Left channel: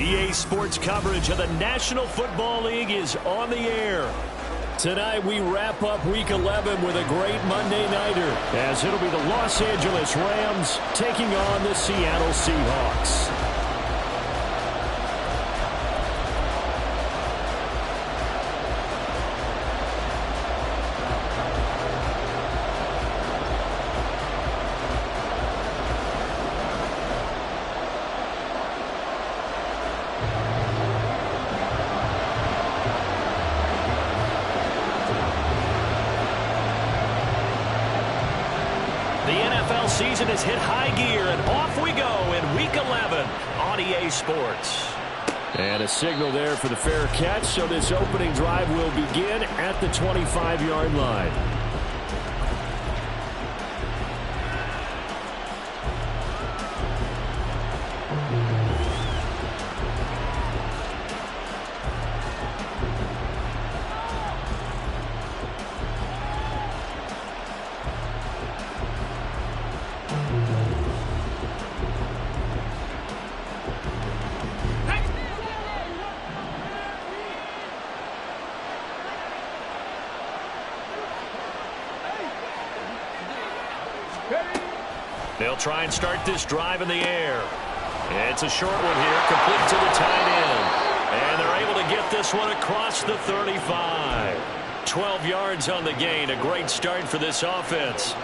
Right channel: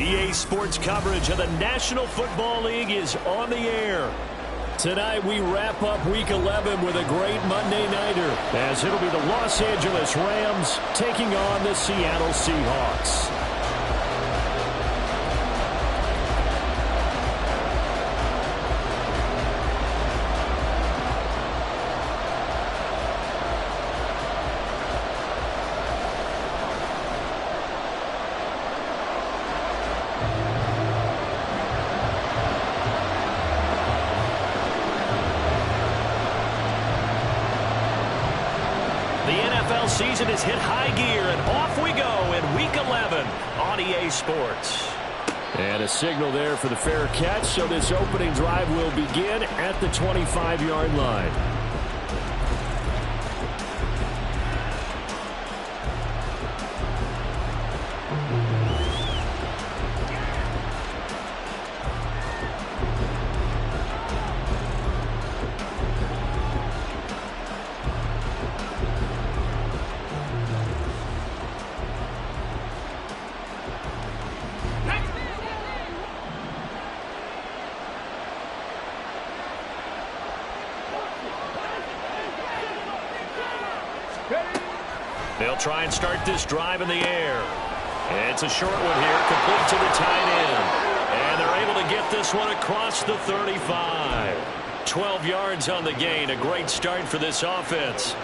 EA Sports coverage of the National Football League is on the air. Tonight we wrap up Week 11 with a great Monday nighter, as it'll be the Los Angeles Rams taking on the Seattle Seahawks. Season has hit high gear, and off we go in Week 11 on EA Sports. And a signal there for the fair catch, so this opening drive will begin at the 25-yard line. They'll try and start this drive in the air. It's a short one here, complete to the tight end. And they're able to get this one across the 35. 12 yards on the gain. A great start for this offense.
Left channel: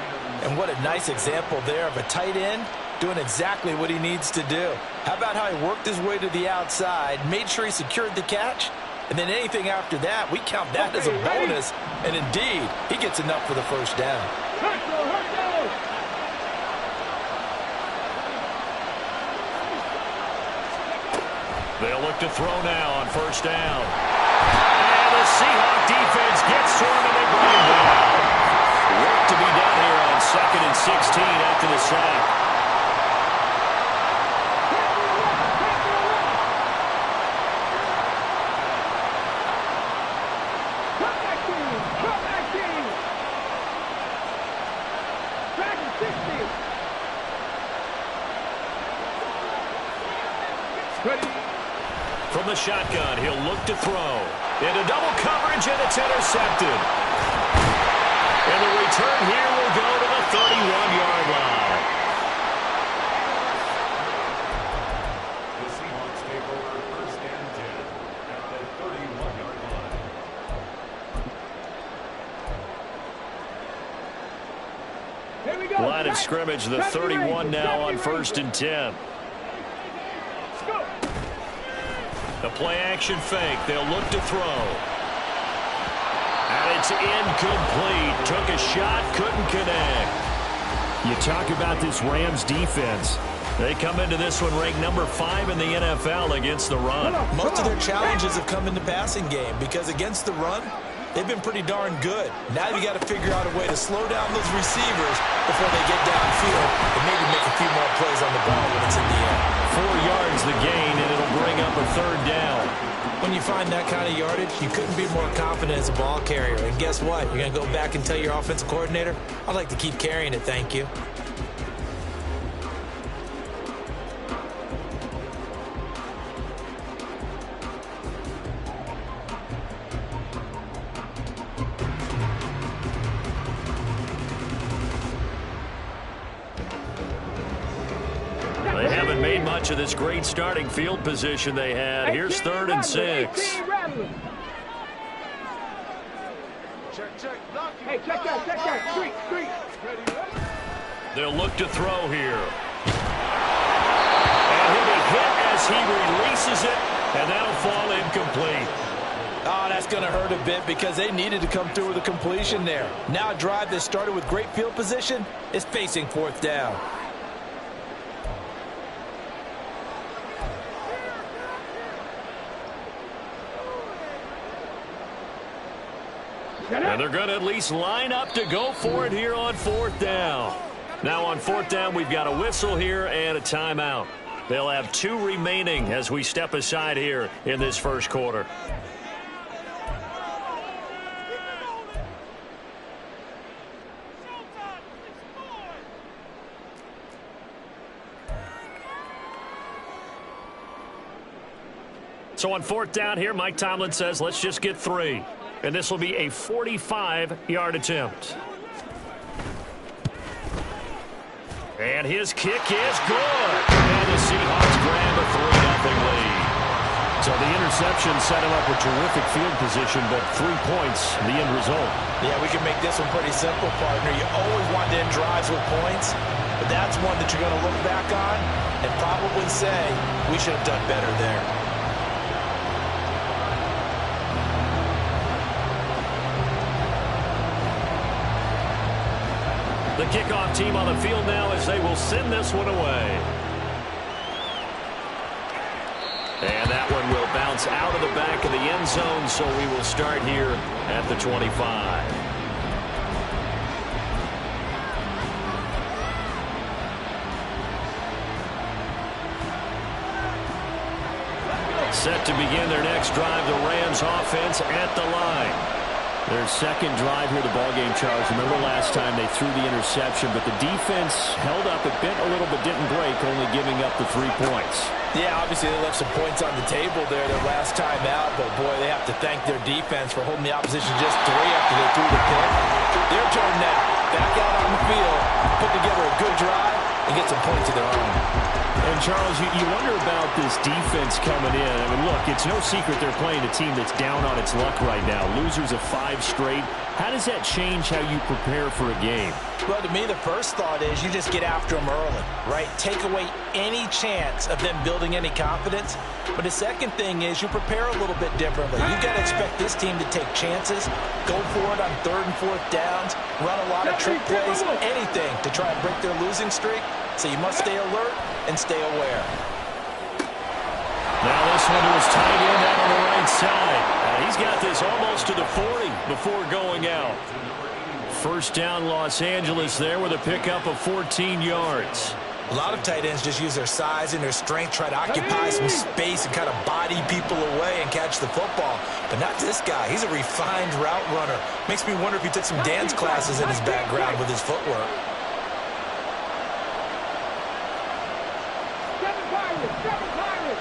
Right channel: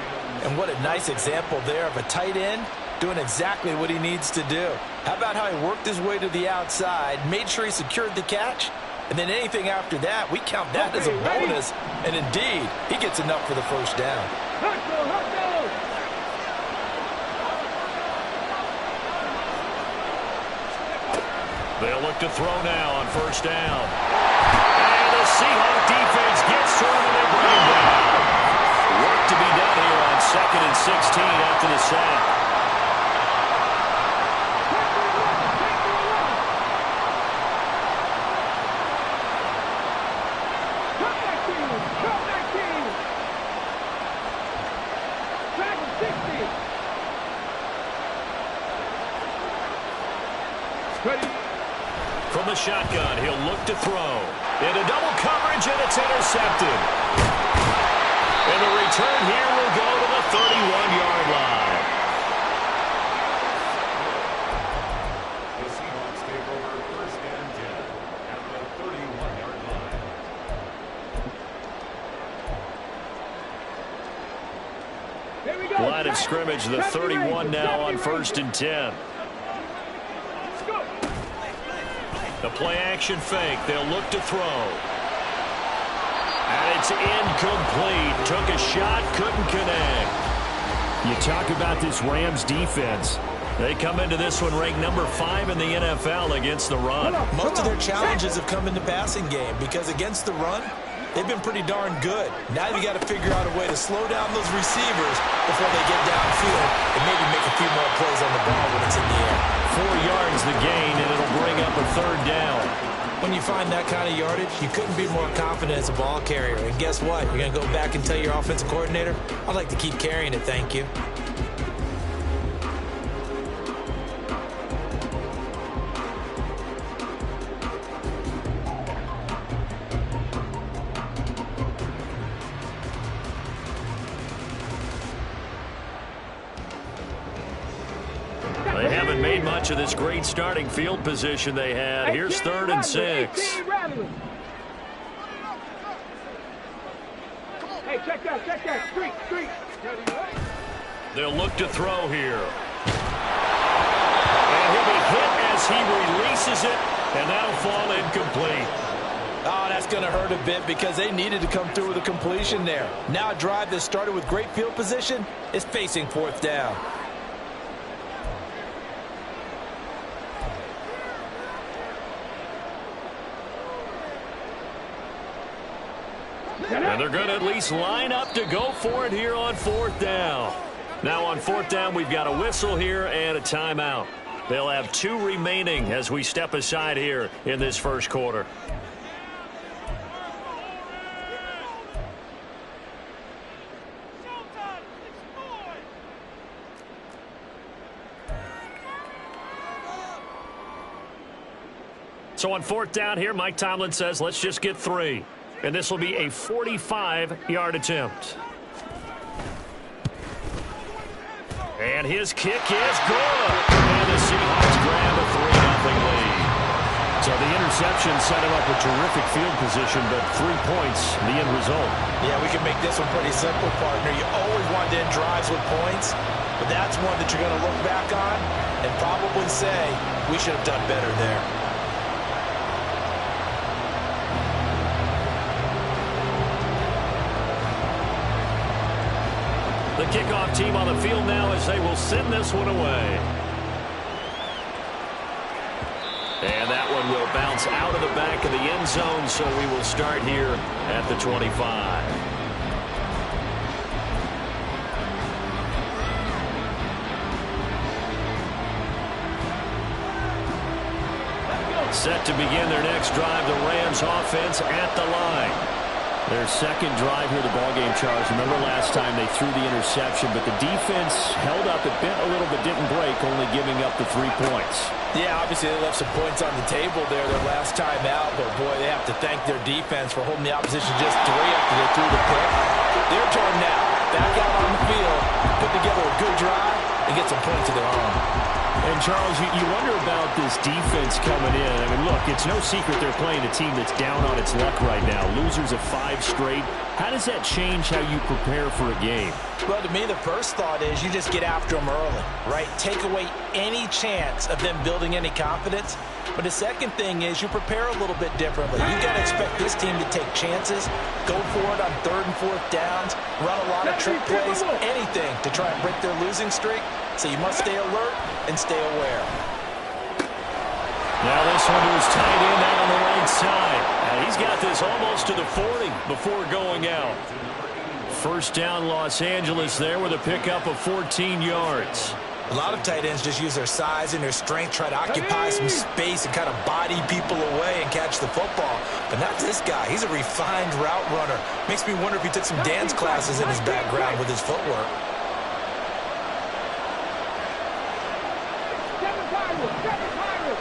And what a nice example there of a tight end doing exactly what he needs to do. How about how he worked his way to the outside, made sure he secured the catch, and then anything after that, we count that as a bonus. And indeed, he gets enough for the first down. They'll look to throw now on first down. And the Seahawk defense gets to him and they bring him down. Work to be done here on 2nd and 16 after the sack. From the shotgun, he'll look to throw. Into double coverage, and it's intercepted. And the return here will go to the 31-yard line. The Seahawks take over 1st and 10 at the 31-yard line. Here we go. Line of scrimmage, the 31 now on 1st and 10. The play-action fake. They'll look to throw. And it's incomplete. Took a shot, couldn't connect. You talk about this Rams defense. They come into this one ranked number 5 in the NFL against the run. Most of their challenges have come in the passing game because against the run, they've been pretty darn good. Now you got to figure out a way to slow down those receivers before they get downfield and maybe make a few more plays on the ball when it's in the air. 4 yards the gain, and it'll bring up a 3rd down. When you find that kind of yardage, you couldn't be more confident as a ball carrier. And guess what? You're going to go back and tell your offensive coordinator, I'd like to keep carrying it, thank you. They haven't made much of this great starting field position they had. Here's 3rd and 6. Hey, check that. Street. They'll look to throw here. And he'll be hit as he releases it, and that'll fall incomplete. Oh, that's going to hurt a bit because they needed to come through with a completion there. Now a drive that started with great field position is facing 4th down. And they're going to at least line up to go for it here on 4th down. Now on 4th down, we've got a whistle here and a timeout. They'll have 2 remaining as we step aside here in this first quarter. So on fourth down here, Mike Tomlin says, let's just get 3. And this will be a 45-yard attempt. And his kick is good. And the Seahawks grab a 3-0 lead. So the interception set him up with terrific field position, but 3 points, the end result. Yeah, we can make this one pretty simple, partner. You always want to end drives with points, but that's one that you're going to look back on and probably say, we should have done better there. The kickoff team on the field now as they will send this one away. And that one will bounce out of the back of the end zone, so we will start here at the 25. Set to begin their next drive, the Rams offense at the line. Their second drive here, the ballgame, Charles. Remember last time they threw the interception, but the defense held up. It bent a little but didn't break, only giving up the 3 points. Yeah, obviously they left some points on the table there their last time out, but boy, they have to thank their defense for holding the opposition just 3 after they threw the pick. Their turn now. Back out on the field, put together a good drive, and get some points of their own. And, Charles, you wonder about this defense coming in. I mean, look, it's no secret they're playing a team that's down on its luck right now. Losers of 5 straight. How does that change how you prepare for a game? Well, to me, the first thought is you just get after them early, right? Take away any chance of them building any confidence. But the second thing is you prepare a little bit differently. You've got to expect this team to take chances, go for it on 3rd and 4th downs, run a lot of trick plays, anything to try and break their losing streak. So you must stay alert and stay aware. Now this one to his tight end out on the right side. He's got this almost to the 40 before going out. First down, Los Angeles there with a pickup of 14 yards. A lot of tight ends just use their size and their strength, try to occupy some space and kind of body people away and catch the football. But not this guy. He's a refined route runner. Makes me wonder if he took some dance classes in his background with his footwork. Seven Pirates!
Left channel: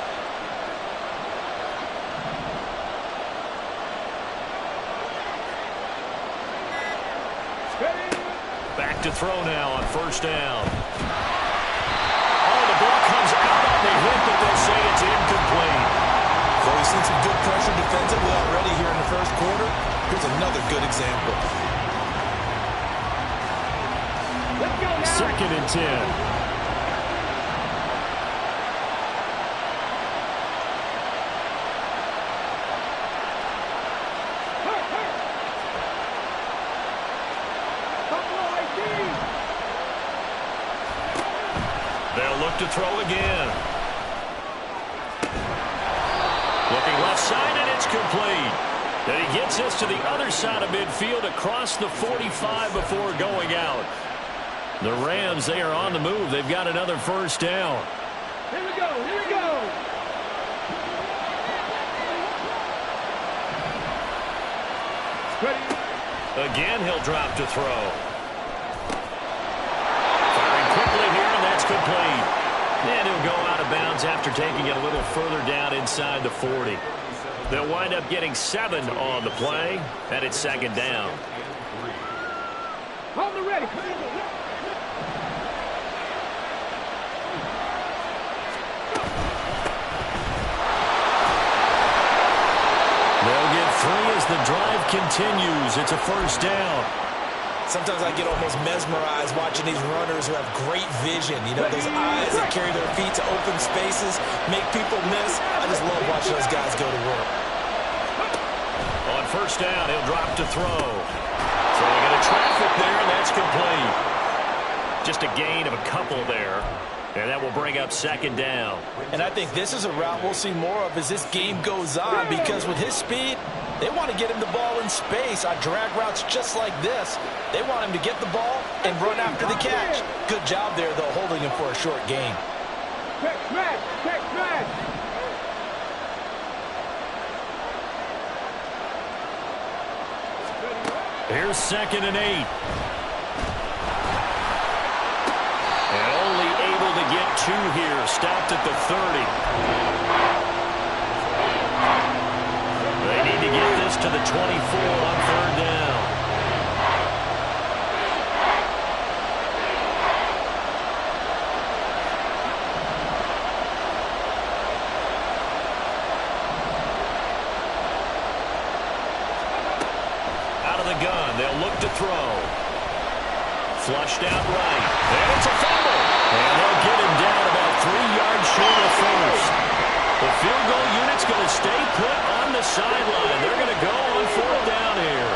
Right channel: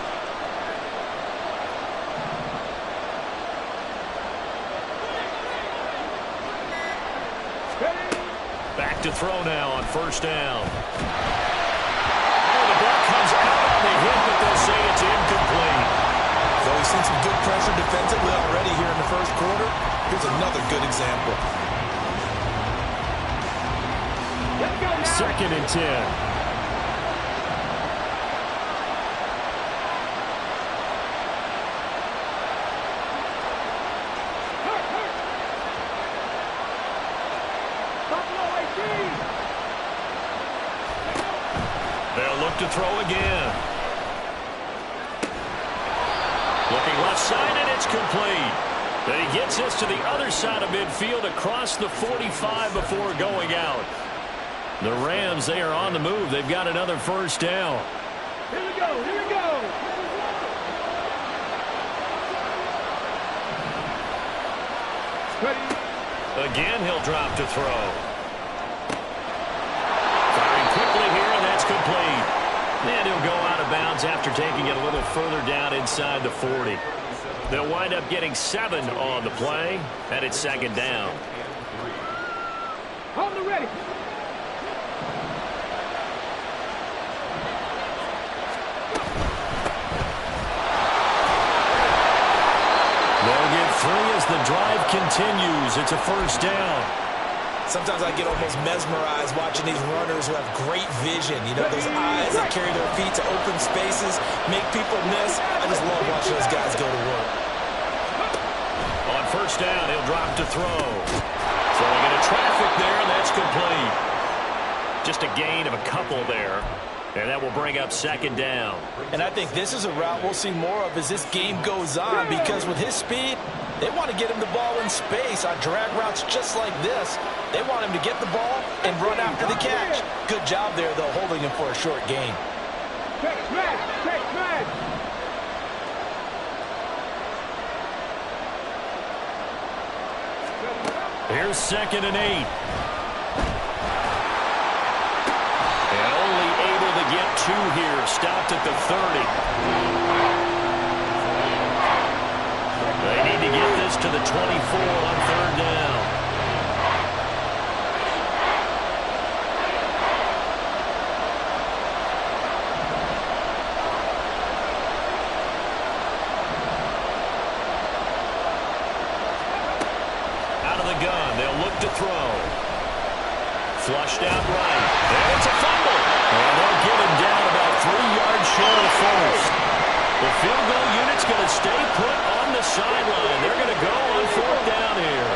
Back to throw now on first down. Oh, the ball comes out on the hit, but they'll say it's incomplete. Well, we've seen some good pressure defensively already here in the first quarter. Here's another good example. Let's go now. 2nd and 10. They'll look to throw again. Looking left side, and it's complete. And he gets this to the other side of midfield across the 45 before going out. The Rams, they are on the move. They've got another first down. Here we go, here we go. Ready. Again, he'll drop to throw. Firing quickly here, and that's complete. And he'll go out of bounds after taking it a little further down inside the 40. They'll wind up getting 7 on the play, and it's 2nd down. On the ready. They'll get 3 as the drive continues. It's a first down. Sometimes I get almost mesmerized watching these runners who have great vision. You know, those eyes that carry their feet to open spaces, make people miss. I just love watching those guys go to work. On first down, he'll drop to throw. Throwing into traffic there, and that's complete. Just a gain of a couple there. And that will bring up 2nd down. And I think this is a route we'll see more of as this game goes on, because with his speed, they want to get him the ball in space on drag routes just like this. They want him to get the ball and run after the catch. Good job there, though, holding him for a short gain. Check smash, check smash. Here's 2nd and 8. And only able to get 2 here. Stopped at the 30. to the 24 on 3rd down. Out of the gun, they'll look to throw. Flushed out right, and it's a fumble. And they'll get him down about 3 yards short of first. The field goal unit's going to stay put on the sideline. They're going to go on 4th down here.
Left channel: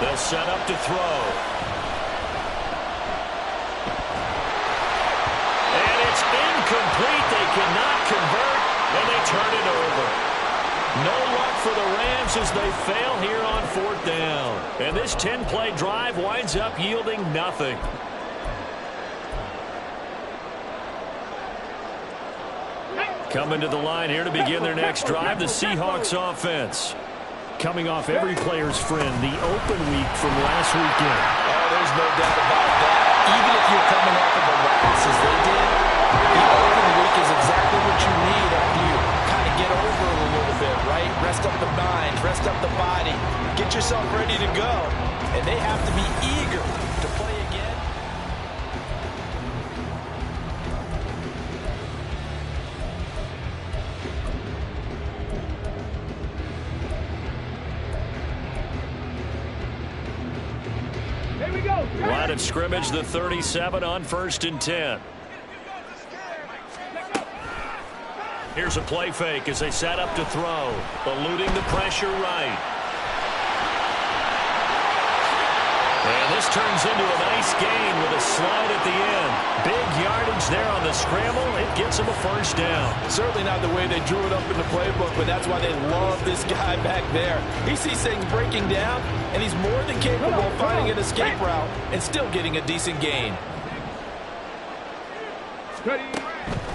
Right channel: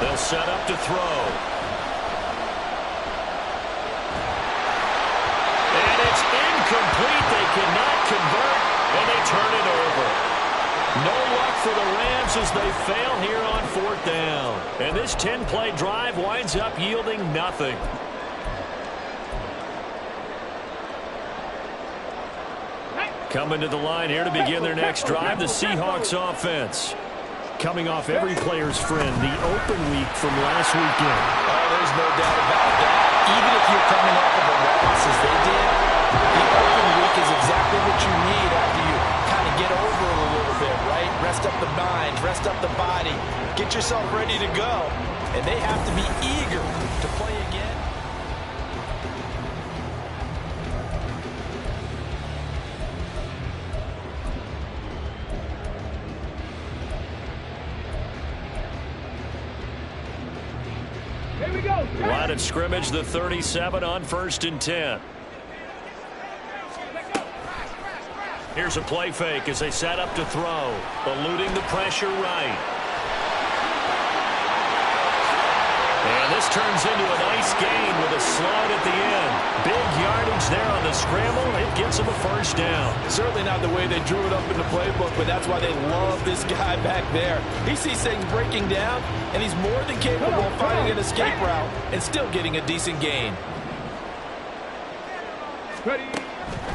They'll set up to throw. And it's incomplete. They cannot convert, and they turn it over. No luck for the Rams as they fail here on 4th down. And this 10-play drive winds up yielding nothing. Coming to the line here to begin their next drive, the Seahawks offense. Coming off every player's friend, the open week from last weekend. Oh, there's no doubt about that. Even if you're coming off of a loss as they did, the open week is exactly what you need after you kind of get over a little bit, right? Rest up the mind, rest up the body, get yourself ready to go. And they have to be eager to play again. Line of scrimmage, the 37 on 1st and 10. Here's a play fake as they set up to throw. Eluding the pressure right. And this turns into a nice gain with a slide at the end. Big yardage there on the scramble. It gets them a 1st down. Certainly not the way they drew it up in the playbook, but that's why they love this guy back there. He sees things breaking down, and he's more than capable of finding an escape route and still getting a decent gain. Ready.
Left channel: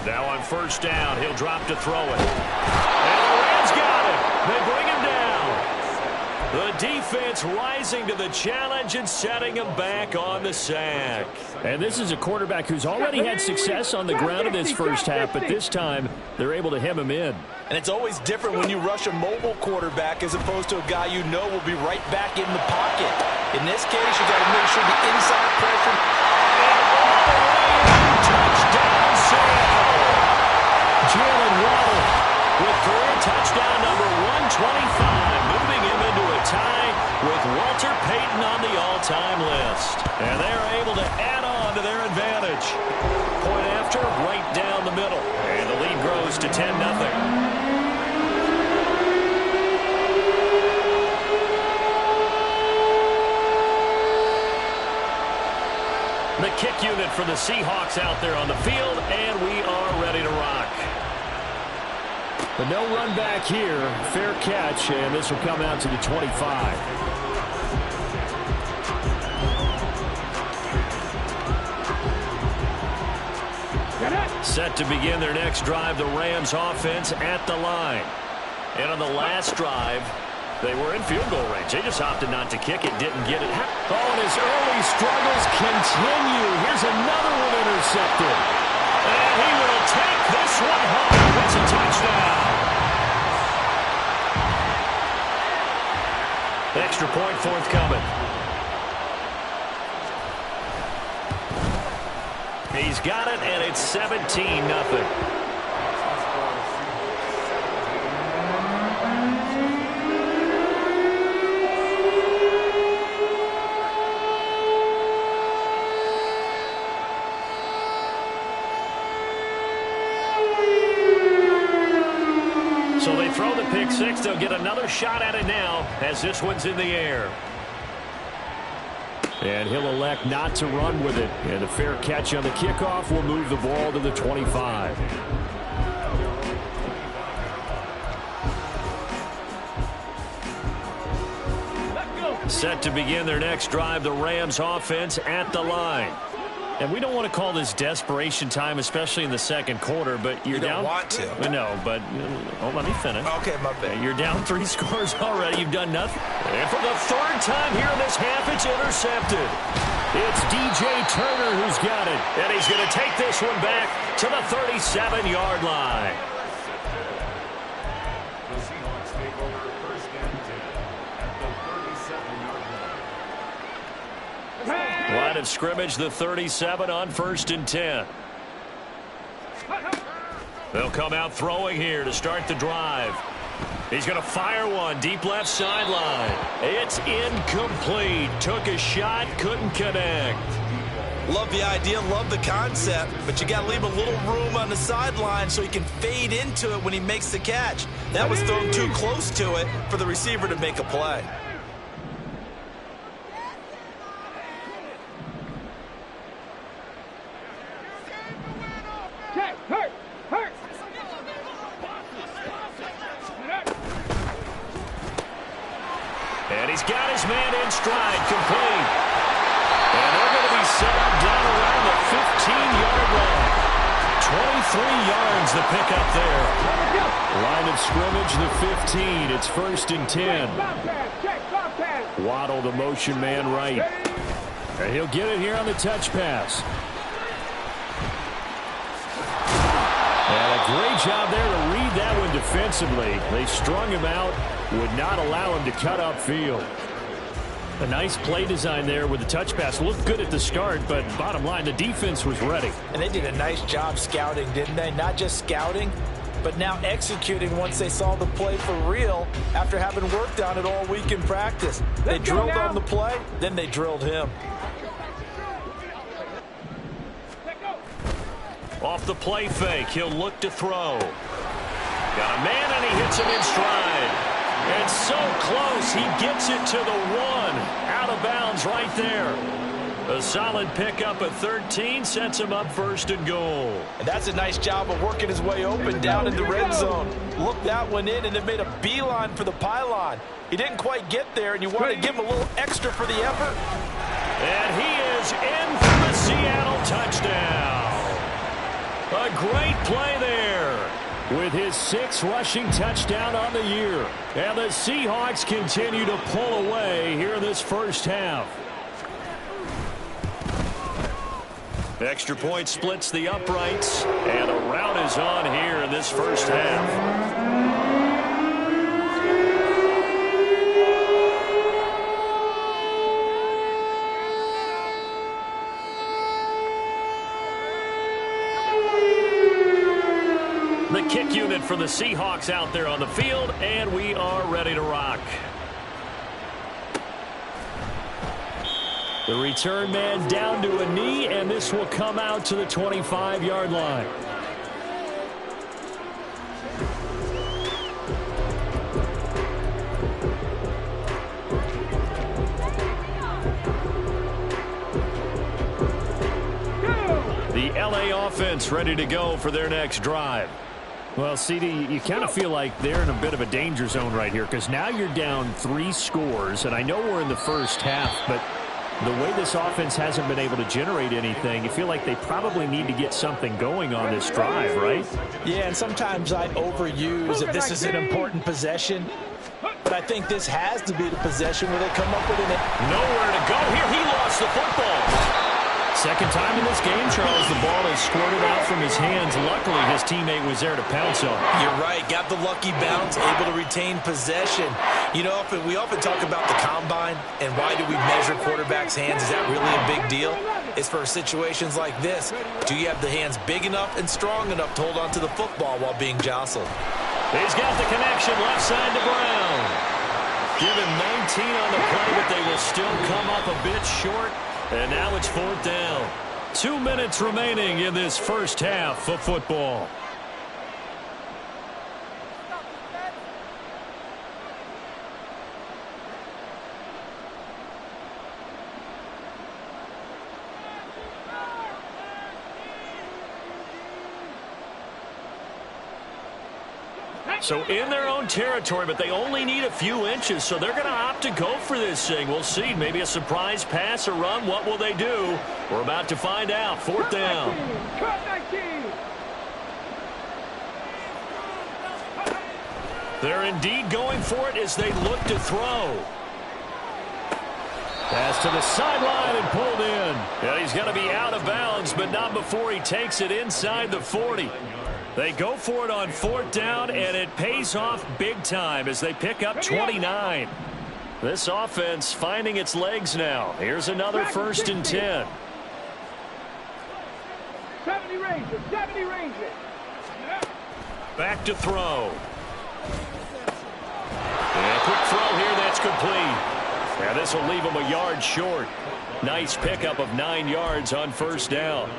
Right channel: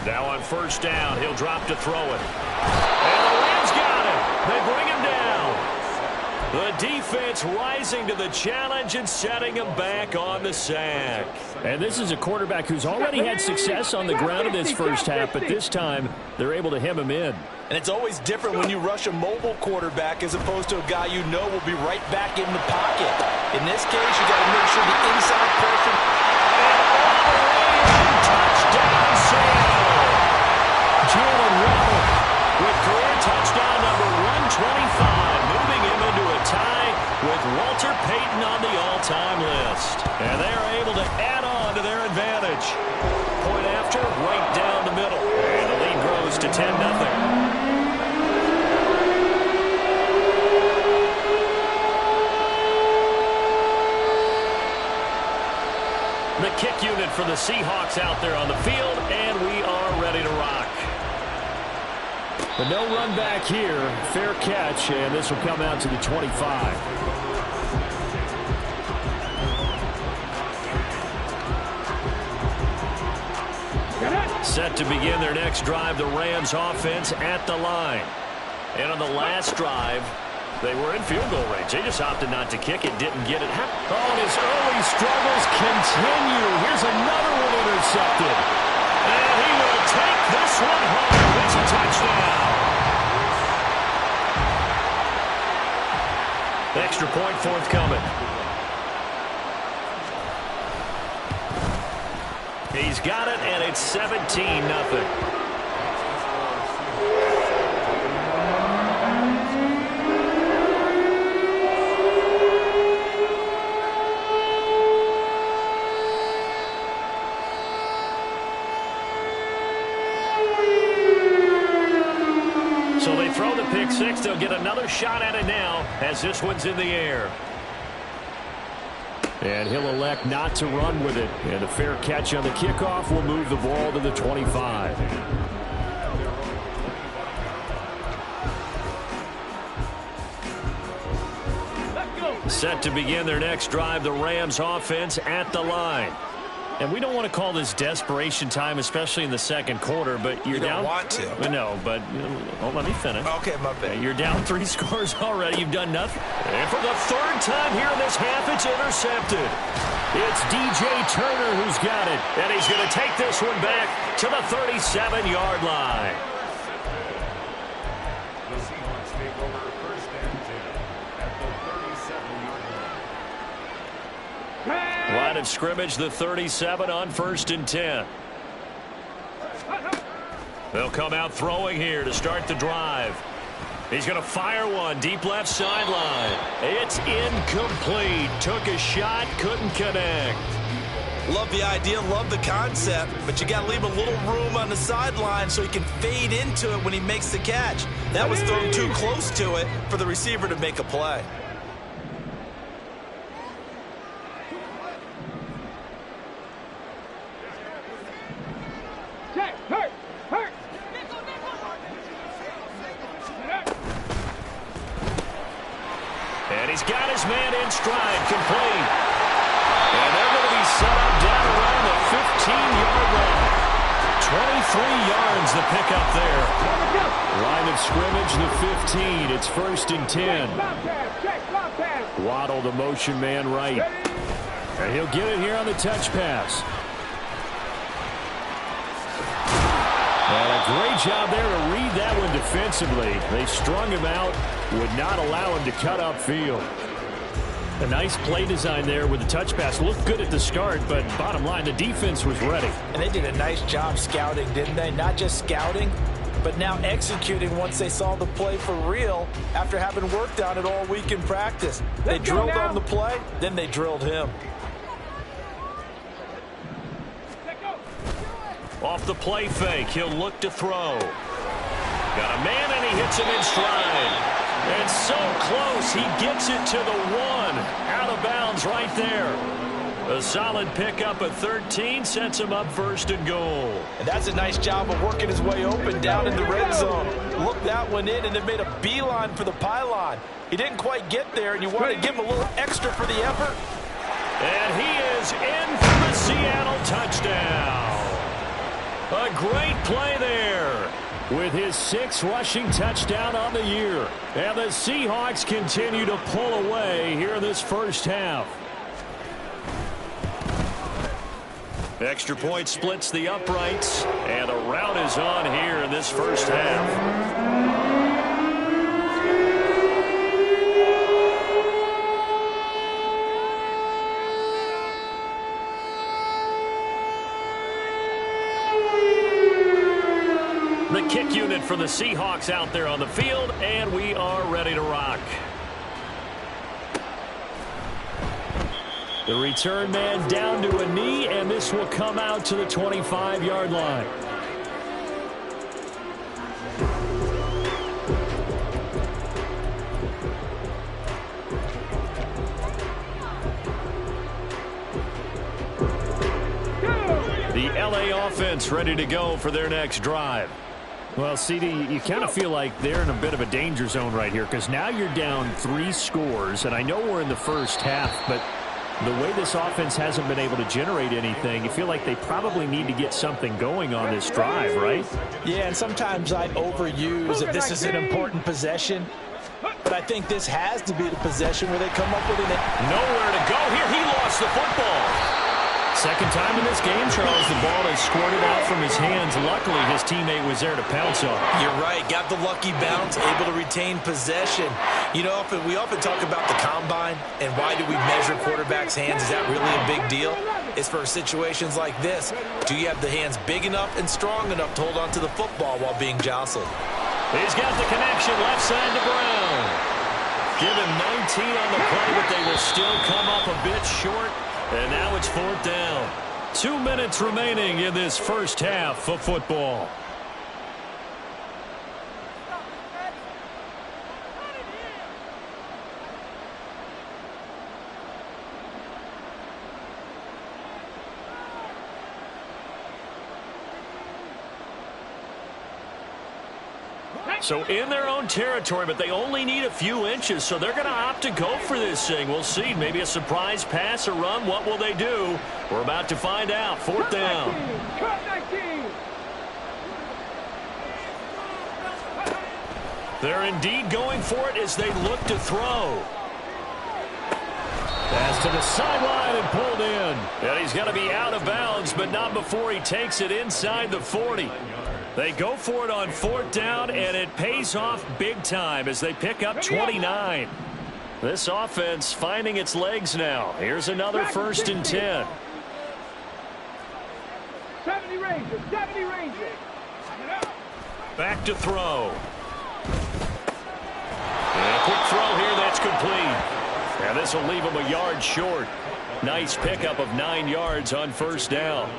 Now on 1st down, he'll drop to throw it. And the Rams got him. They bring him down. The defense rising to the challenge and setting him back on the sack. And this is a quarterback who's already had success on the ground in this first half, but this time they're able to hem him in. And it's always different when you rush a mobile quarterback as opposed to a guy you know will be right back in the pocket. In this case, you got to make sure the inside pressure. And all the way in, touchdown Seattle. Jalen Waddle with career touchdown number 125, moving him into a tie with Walter Payton on the all-time list. And they're able to add on to their advantage. Point after, right down the middle. And the lead grows to 10-0. The kick unit for the Seahawks out there on the field, and we are ready to rock. But no run back here. Fair catch, and this will come out to the 25. Set to begin their next drive, the Rams offense at the line. And on the last drive, they were in field goal range. They just opted not to kick it, didn't get it. Oh, and his early struggles continue. Here's another one intercepted. And he will take this one home. It's a touchdown. Extra point forthcoming. He's got it, and it's 17-0. So they throw the pick six. They'll get another shot at it now as this one's in the air. And he'll elect not to run with it. And a fair catch on the kickoff will move the ball to the 25. Set to begin their next drive, the Rams offense at the line. And we don't want to call this desperation time, especially in the second quarter, but you're down. You don't want to. No, but let me finish. Okay, my bad. You're down 3 scores already. You've done nothing. And for the third time here in this half, it's intercepted. It's DJ Turner who's got it. And he's going to take this one back to the 37-yard line. The Seahawks take over first and 10 at the 37-yard line. Line of scrimmage, the 37 on first and 10. They'll come out throwing here to start the drive. He's going to fire one deep left sideline. It's incomplete. Took a shot, couldn't connect. Love the idea, love the concept, but you got to leave a little room on the sideline so he can fade into it when he makes the catch. That was thrown too close to it for the receiver to make a play. Check. Hurt. And he's got his man in stride, complete. And they're going to be set up down around the 15-yard line. 23 yards the pickup there. Line of scrimmage, the 15. It's first and 10. Waddle, the motion man right. And he'll get it here on the touch pass. And a great job there to read that one defensively. They strung him out, would not allow him to cut upfield. A nice play design there with the touch pass. Looked good at the start, but bottom line, the defense was ready. And they did a nice job scouting, didn't they? Not just scouting, but now executing once they saw the play for real after having worked on it all week in practice. They drilled on the play, then they drilled him. Off the play fake, he'll look to throw. Got a man, and he hits him in stride. And so close, he gets it to the 1. Out of bounds right there. A solid pickup at 13 sets him up first and goal. And that's a nice job of working his way open down in the red zone. Looked that one in and then made a beeline for the pylon. He didn't quite get there, and you want to give him a little extra for the effort. And he is in for the Seattle touchdown. A great play there with his 6th rushing touchdown on the year. And the Seahawks continue to pull away here in this first half. Extra point splits the uprights, and a rout is on here in this first half. The kick unit for the Seahawks out there on the field, and we are ready to rock. The return man down to a knee, and this will come out to the 25-yard line. The LA offense ready to go for their next drive. Well, CD, you kind of feel like they're in a bit of a danger zone right here because now you're down 3 scores, and I know we're in the first half, but the way this offense hasn't been able to generate anything, you feel like they probably need to get something going on this drive, right? Yeah, and sometimes I overuse if this is an important possession, but I think this has to be the possession where they come up with it. Nowhere to go here. He lost the football. Second time in this game, Charles, the ball has squirted out from his hands. Luckily, his teammate was there to pounce on. You're right. Got the lucky bounce, able to retain possession. You know, we often talk about the combine and why do we measure quarterbacks' hands. Is that really a big deal? It's for situations like this. Do you have the hands big enough and strong enough to hold on to the football while being jostled? He's got the connection left side to Brown. Give him 19 on the play, but they will still come up a bit short. And now it's 4th down. 2 minutes remaining in this first half of football. Hey! So in their own territory, but they only need a few inches, so they're going to opt to go for this thing. We'll see. Maybe a surprise pass or run. What will they do? We're about to find out. Fourth down. Cut 19. They're indeed going for it as they look to throw. Pass to the sideline and pulled in. And he's going to be out of bounds, but not before he takes it inside the 40. They go for it on fourth down, and it pays off big time as they pick up 29. This offense finding its legs now. Here's another 1st and 10. 70 Rangers, 70 Rangers. Back to throw. And a quick throw here, that's complete. Now this will leave him a yard short. Nice pickup of 9 yards on first down.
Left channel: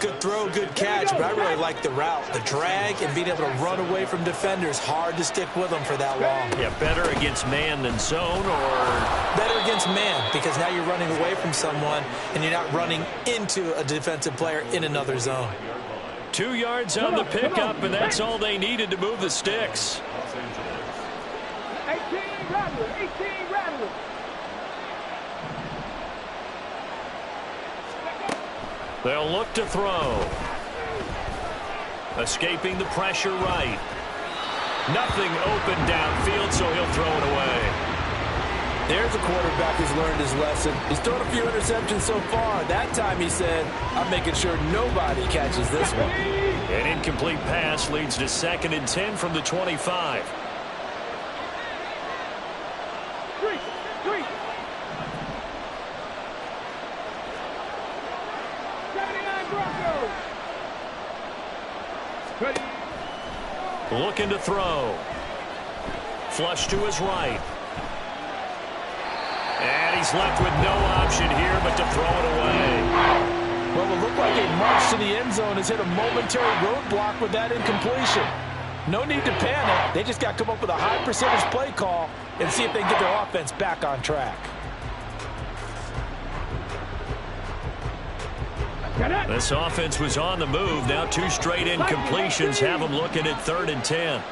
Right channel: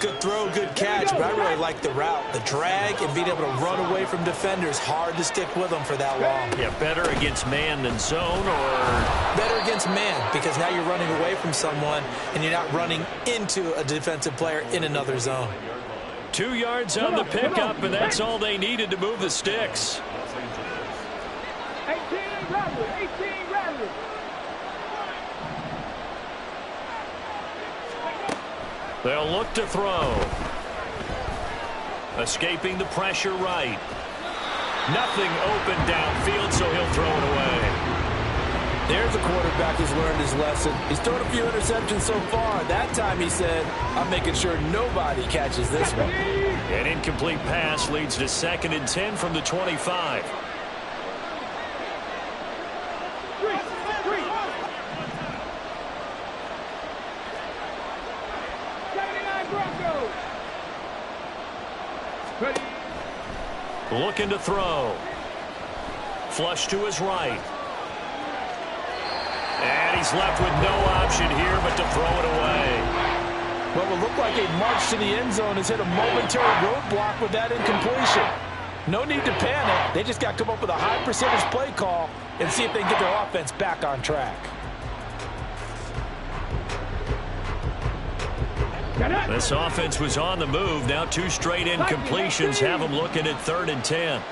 Good throw, good catch, but I really like the route. The drag and being able to run away from defenders. Hard to stick with them for that long. Yeah, better against man than zone, or? Better against man, because now you're running away from someone and you're not running into a defensive player in another zone. 2 yards on the pickup, and that's all they needed to move the sticks. 18 Rattler, 18 Rattler. They'll look to throw. Escaping the pressure right. Nothing open downfield, so he'll throw it away. There's a quarterback who's learned his lesson. He's thrown a few interceptions so far. That time he said, I'm making sure nobody catches this one. An incomplete pass leads to 2nd and 10 from the 25. 79 Broncos. Looking to throw. Flush to his right. And he's left with no option here but to throw it away. Well, it looked like a march to the end zone has hit a momentary roadblock with that incompletion. No need to panic. They just got to come up with a high percentage play call and see if they can get their offense back on track. This offense was on the move. Now 2 straight incompletions have them looking at 3rd and 10.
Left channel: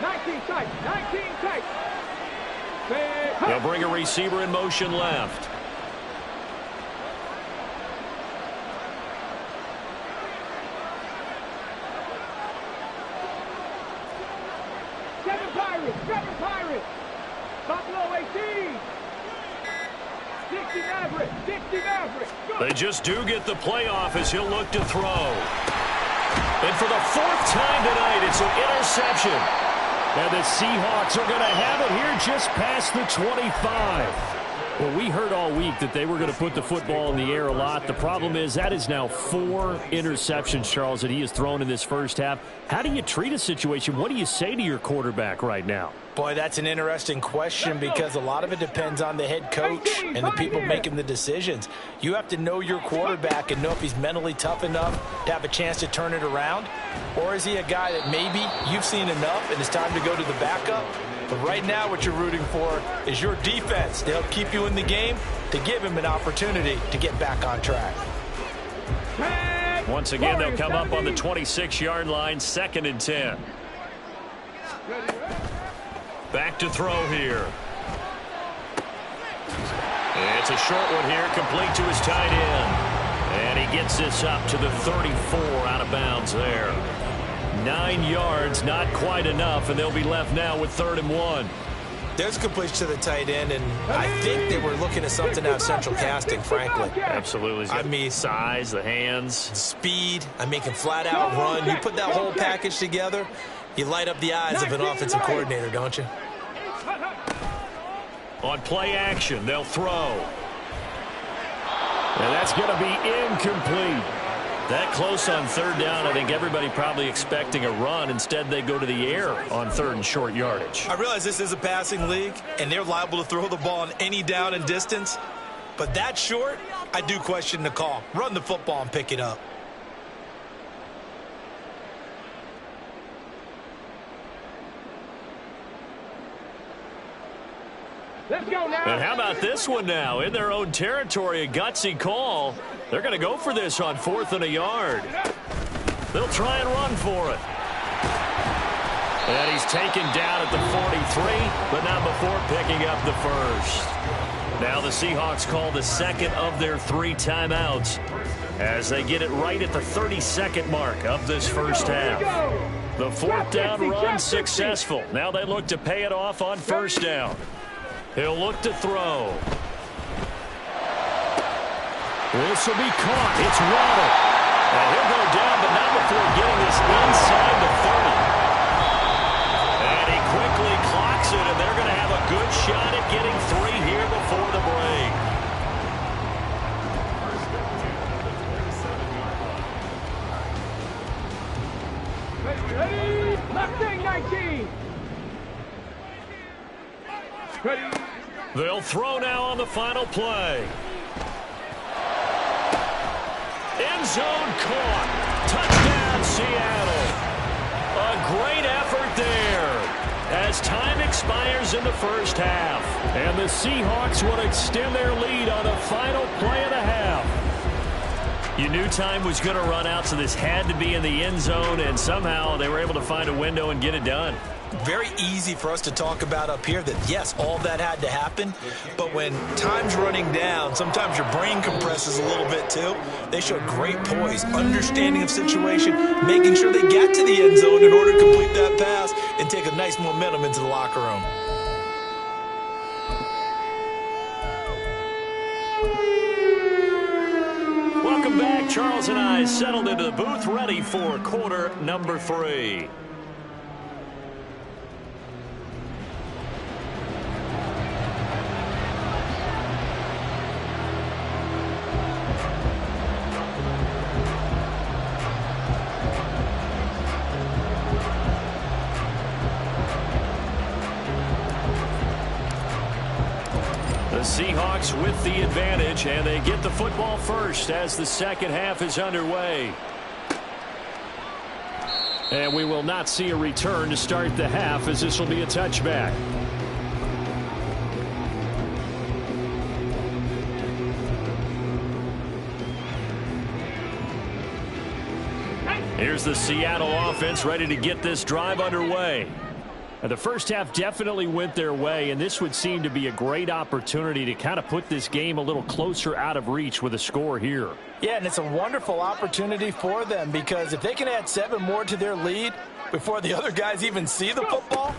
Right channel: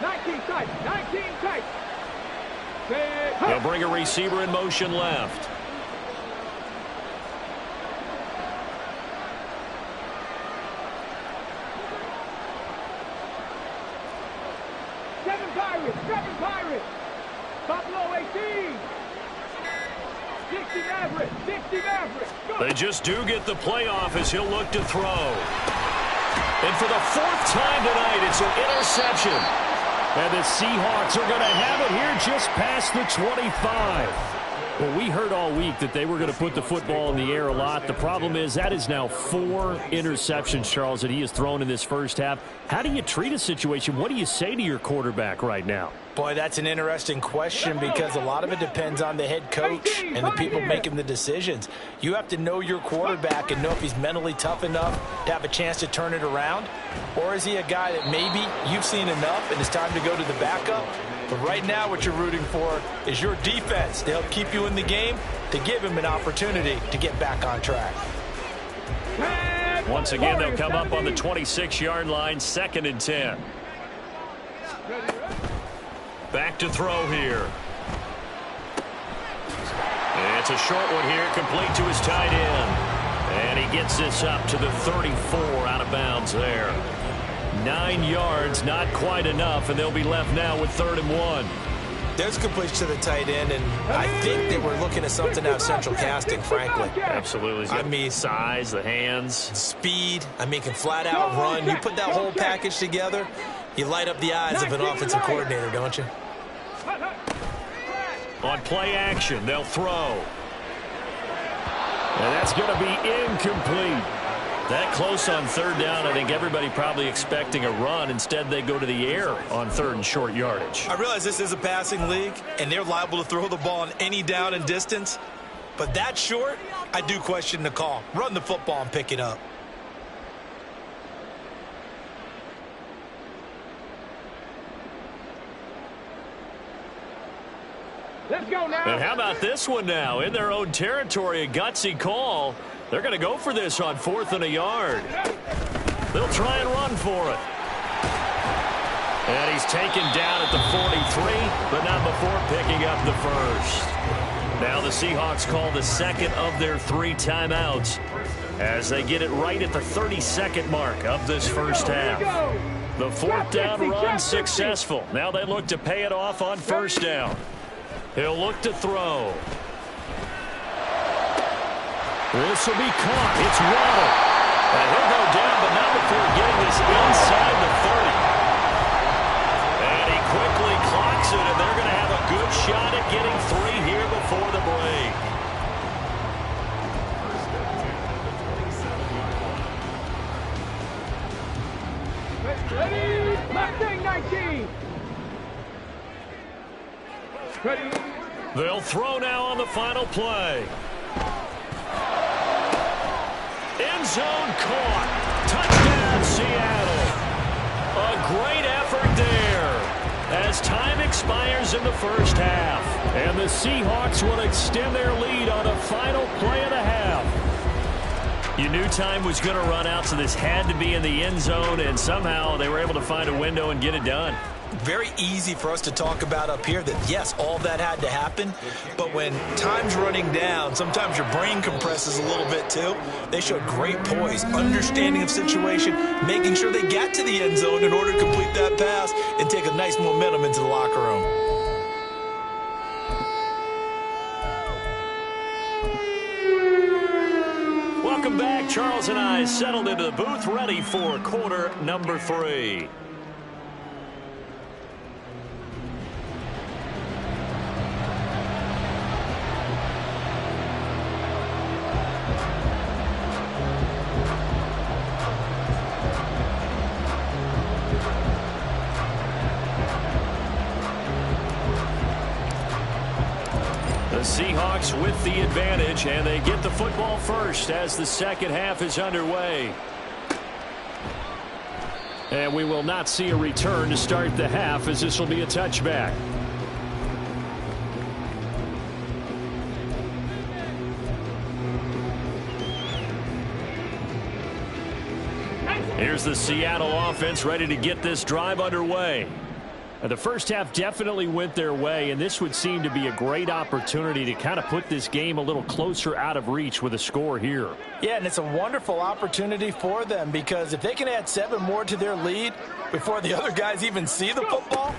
19 tight, 19 tight. They'll bring a receiver in motion left. Seven Pirates. Buffalo 18. 60 Maverick, 60 Maverick. They just do get the playoff as he'll look to throw. And for the 4th time tonight, it's an interception. And the Seahawks are going to have it here just past the 25. Well, we heard all week that they were going to put the football in the air a lot. The problem is that is now 4 interceptions, Charles, that he has thrown in this first half. How do you treat a situation? What do you say to your quarterback right now? Boy, that's an interesting question because a lot of it depends on the head coach and the people making the decisions. You have to know your quarterback and know if he's mentally tough enough to have a chance to turn it around, or is he a guy that maybe you've seen enough and it's time to go to the backup? But right now what you're rooting for is your defense to help keep you in the game, to give him an opportunity to get back on track. Once again, they'll come up on the 26-yard line, 2nd and 10. Back to throw here. It's a short one here, complete to his tight end. And he gets this up to the 34, out of bounds there. 9 yards, not quite enough, and they'll be left now with 3rd and 1. There's completion to the tight end, and I think they were looking at something out of central casting, frankly. Absolutely. I mean, size, the hands. Speed. I mean, can flat out run. You put that whole package together, you light up the eyes of an offensive coordinator, don't you? On play action, they'll throw. And that's going to be incomplete. That close on 3rd down, I think everybody probably expecting a run. Instead, they go to the air on 3rd and short yardage. I realize this is a passing league, and they're liable to throw the ball on any down and distance. But that short, I do question the call. Run the football and pick it up. Let's go now. And how about this one now? In their own territory, a gutsy call. They're going to go for this on 4th and a yard. They'll try and run for it. And he's taken down at the 43, but not before picking up the first. Now the Seahawks call the second of their 3 timeouts as they get it right at the 32nd mark of this first half. The 4th down run successful. Now they look to pay it off on 1st down. He'll look to throw. This will be caught. It's Waddle. And he'll go down, but not before getting this inside the 30. And he quickly clocks it, and they're going to have a good shot at getting 3 here before the break. First and 10 at the 27-yard line. Ready? Mustang 19. Ready? They'll throw now on the final play. End zone caught. Touchdown, Seattle. A great effort there as time expires in the first half. And the Seahawks will extend their lead on the final play of the half. You knew time was going to run out, so this had to be in the end zone, and somehow they were able to find a window and get it done. Very easy for us to talk about up here that, yes, all that had to happen. But when time's running down, sometimes your brain compresses a little bit too. They showed great poise, understanding of situation, making sure they got to the end zone in order to complete that pass and take a nice momentum into the locker room. Welcome back. Charles and I settled into the booth, ready for quarter number 3. The Seahawks with the advantage, and they get the football first as the second half is underway. And we will not see a return to start the half, as this will be a touchback. Here's the Seattle offense ready to get this drive underway. The first half definitely went their way, and this would seem to be a great opportunity to kind of put this game a little closer out of reach with a score here. Yeah, and it's a wonderful opportunity for them, because if they can add 7 more to their lead before the other guys even see the football,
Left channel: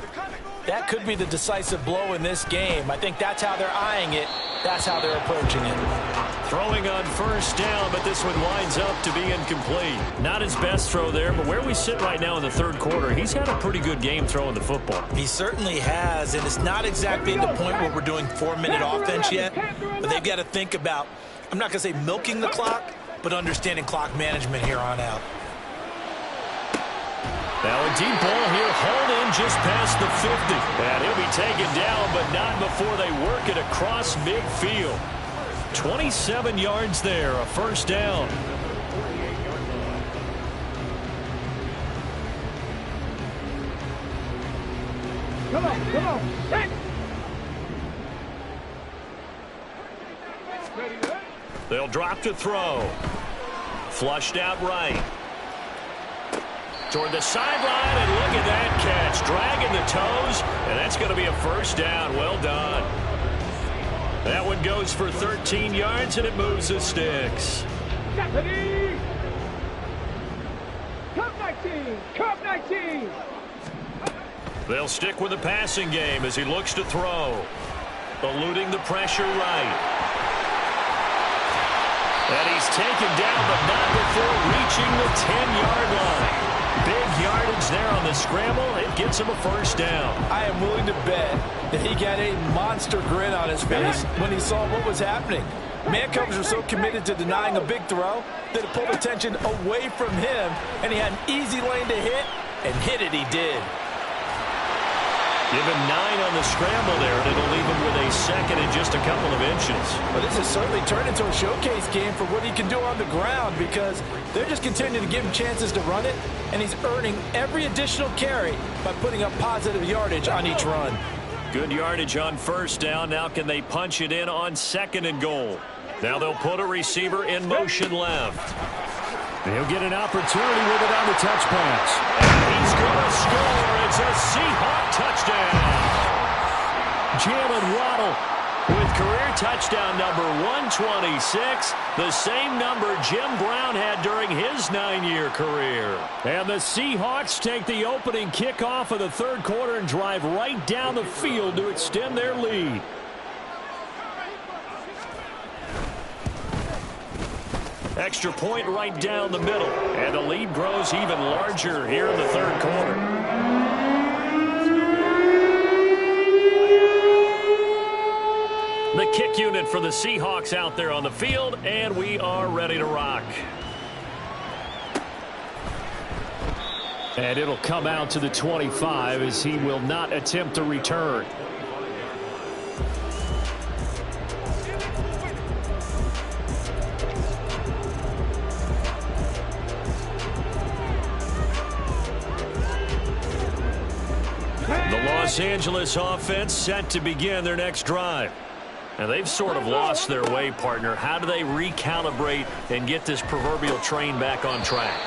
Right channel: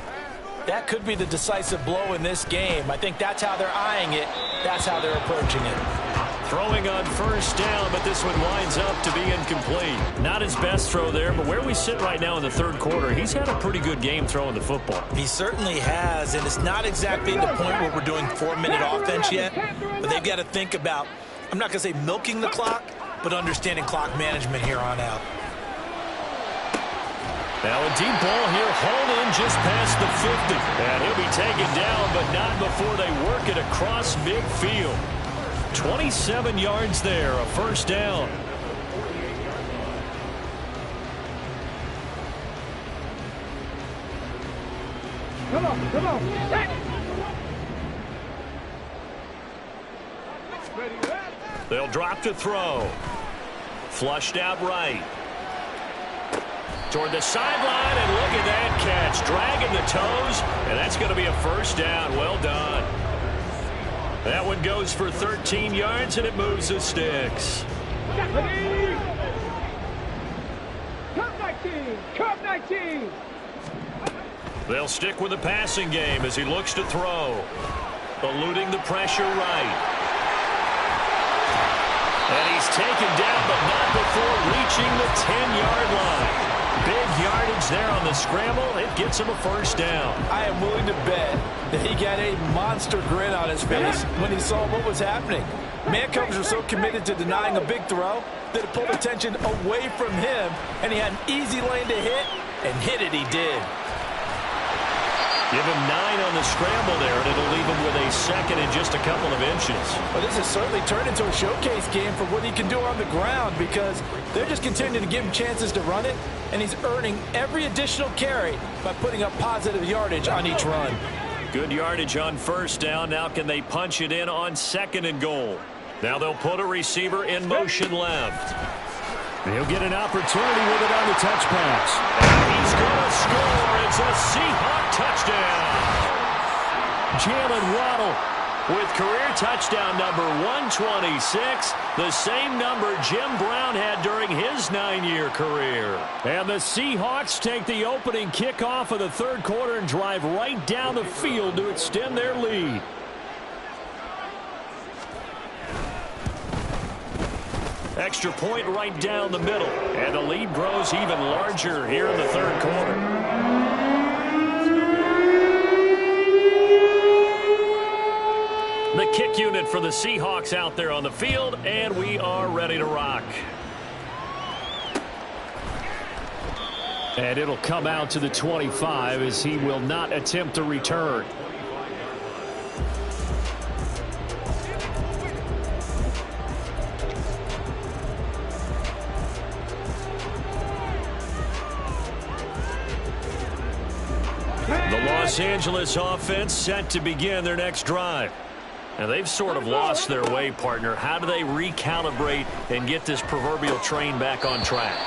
that could be the decisive blow in this game. I think that's how they're eyeing it. That's how they're approaching it. Throwing on first down, but this one winds up to be incomplete. Not his best throw there, but where we sit right now in the 3rd quarter, he's had a pretty good game throwing the football. He certainly has, and it's not exactly at the point where we're doing 4-minute offense yet, but they've got to think about, I'm not going to say milking the clock, but understanding clock management here on out. Now a deep ball here, hauled in just past the 50. And he'll be taken down, but not before they work it across midfield. 27 yards there, a first down. Come on. Set. Ready, They'll drop to throw. Flushed out right. Toward the sideline, and look at that catch. Dragging the toes, and that's going to be a first down. Well done. That one goes for 13 yards, and it moves the sticks. Ready. Cup 19. Cup 19. They'll stick with the passing game as he looks to throw. Eluding the pressure right. And he's taken down, but not before reaching the 10-yard line. Big yardage there on the scramble. It gets him a first down. I am willing to bet that he got a monster grin on his face when he saw what was happening. Man coverage were so committed to denying a big throw that it pulled attention away from him, and he had an easy lane to hit, and hit it he did. Give him 9 on the scramble there, and it'll leave him with a second and just a couple of inches. Well, this has certainly turned into a showcase game for what he can do on the ground, because they're just continuing to give him chances to run it, and he's earning every additional carry by putting up positive yardage on each run. Good yardage on first down. Now can they punch it in on 2nd and goal? Now they'll put a receiver in motion left. He'll get an opportunity with it on the touch pass. And he's going to score. It's a Seahawk touchdown. Jalen Waddle with career touchdown number 126, the same number Jim Brown had during his 9-year career. And the Seahawks take the opening kickoff of the third quarter and drive right down the field to extend their lead. Extra point right down the middle, and the lead grows even larger here in the third quarter. The kick unit for the Seahawks out there on the field, and we are ready to rock. And it'll come out to the 25 as he will not attempt to return. The Los Angeles offense set to begin their next drive. And they've sort of lost their way, partner. How do they recalibrate and get this proverbial train back on track?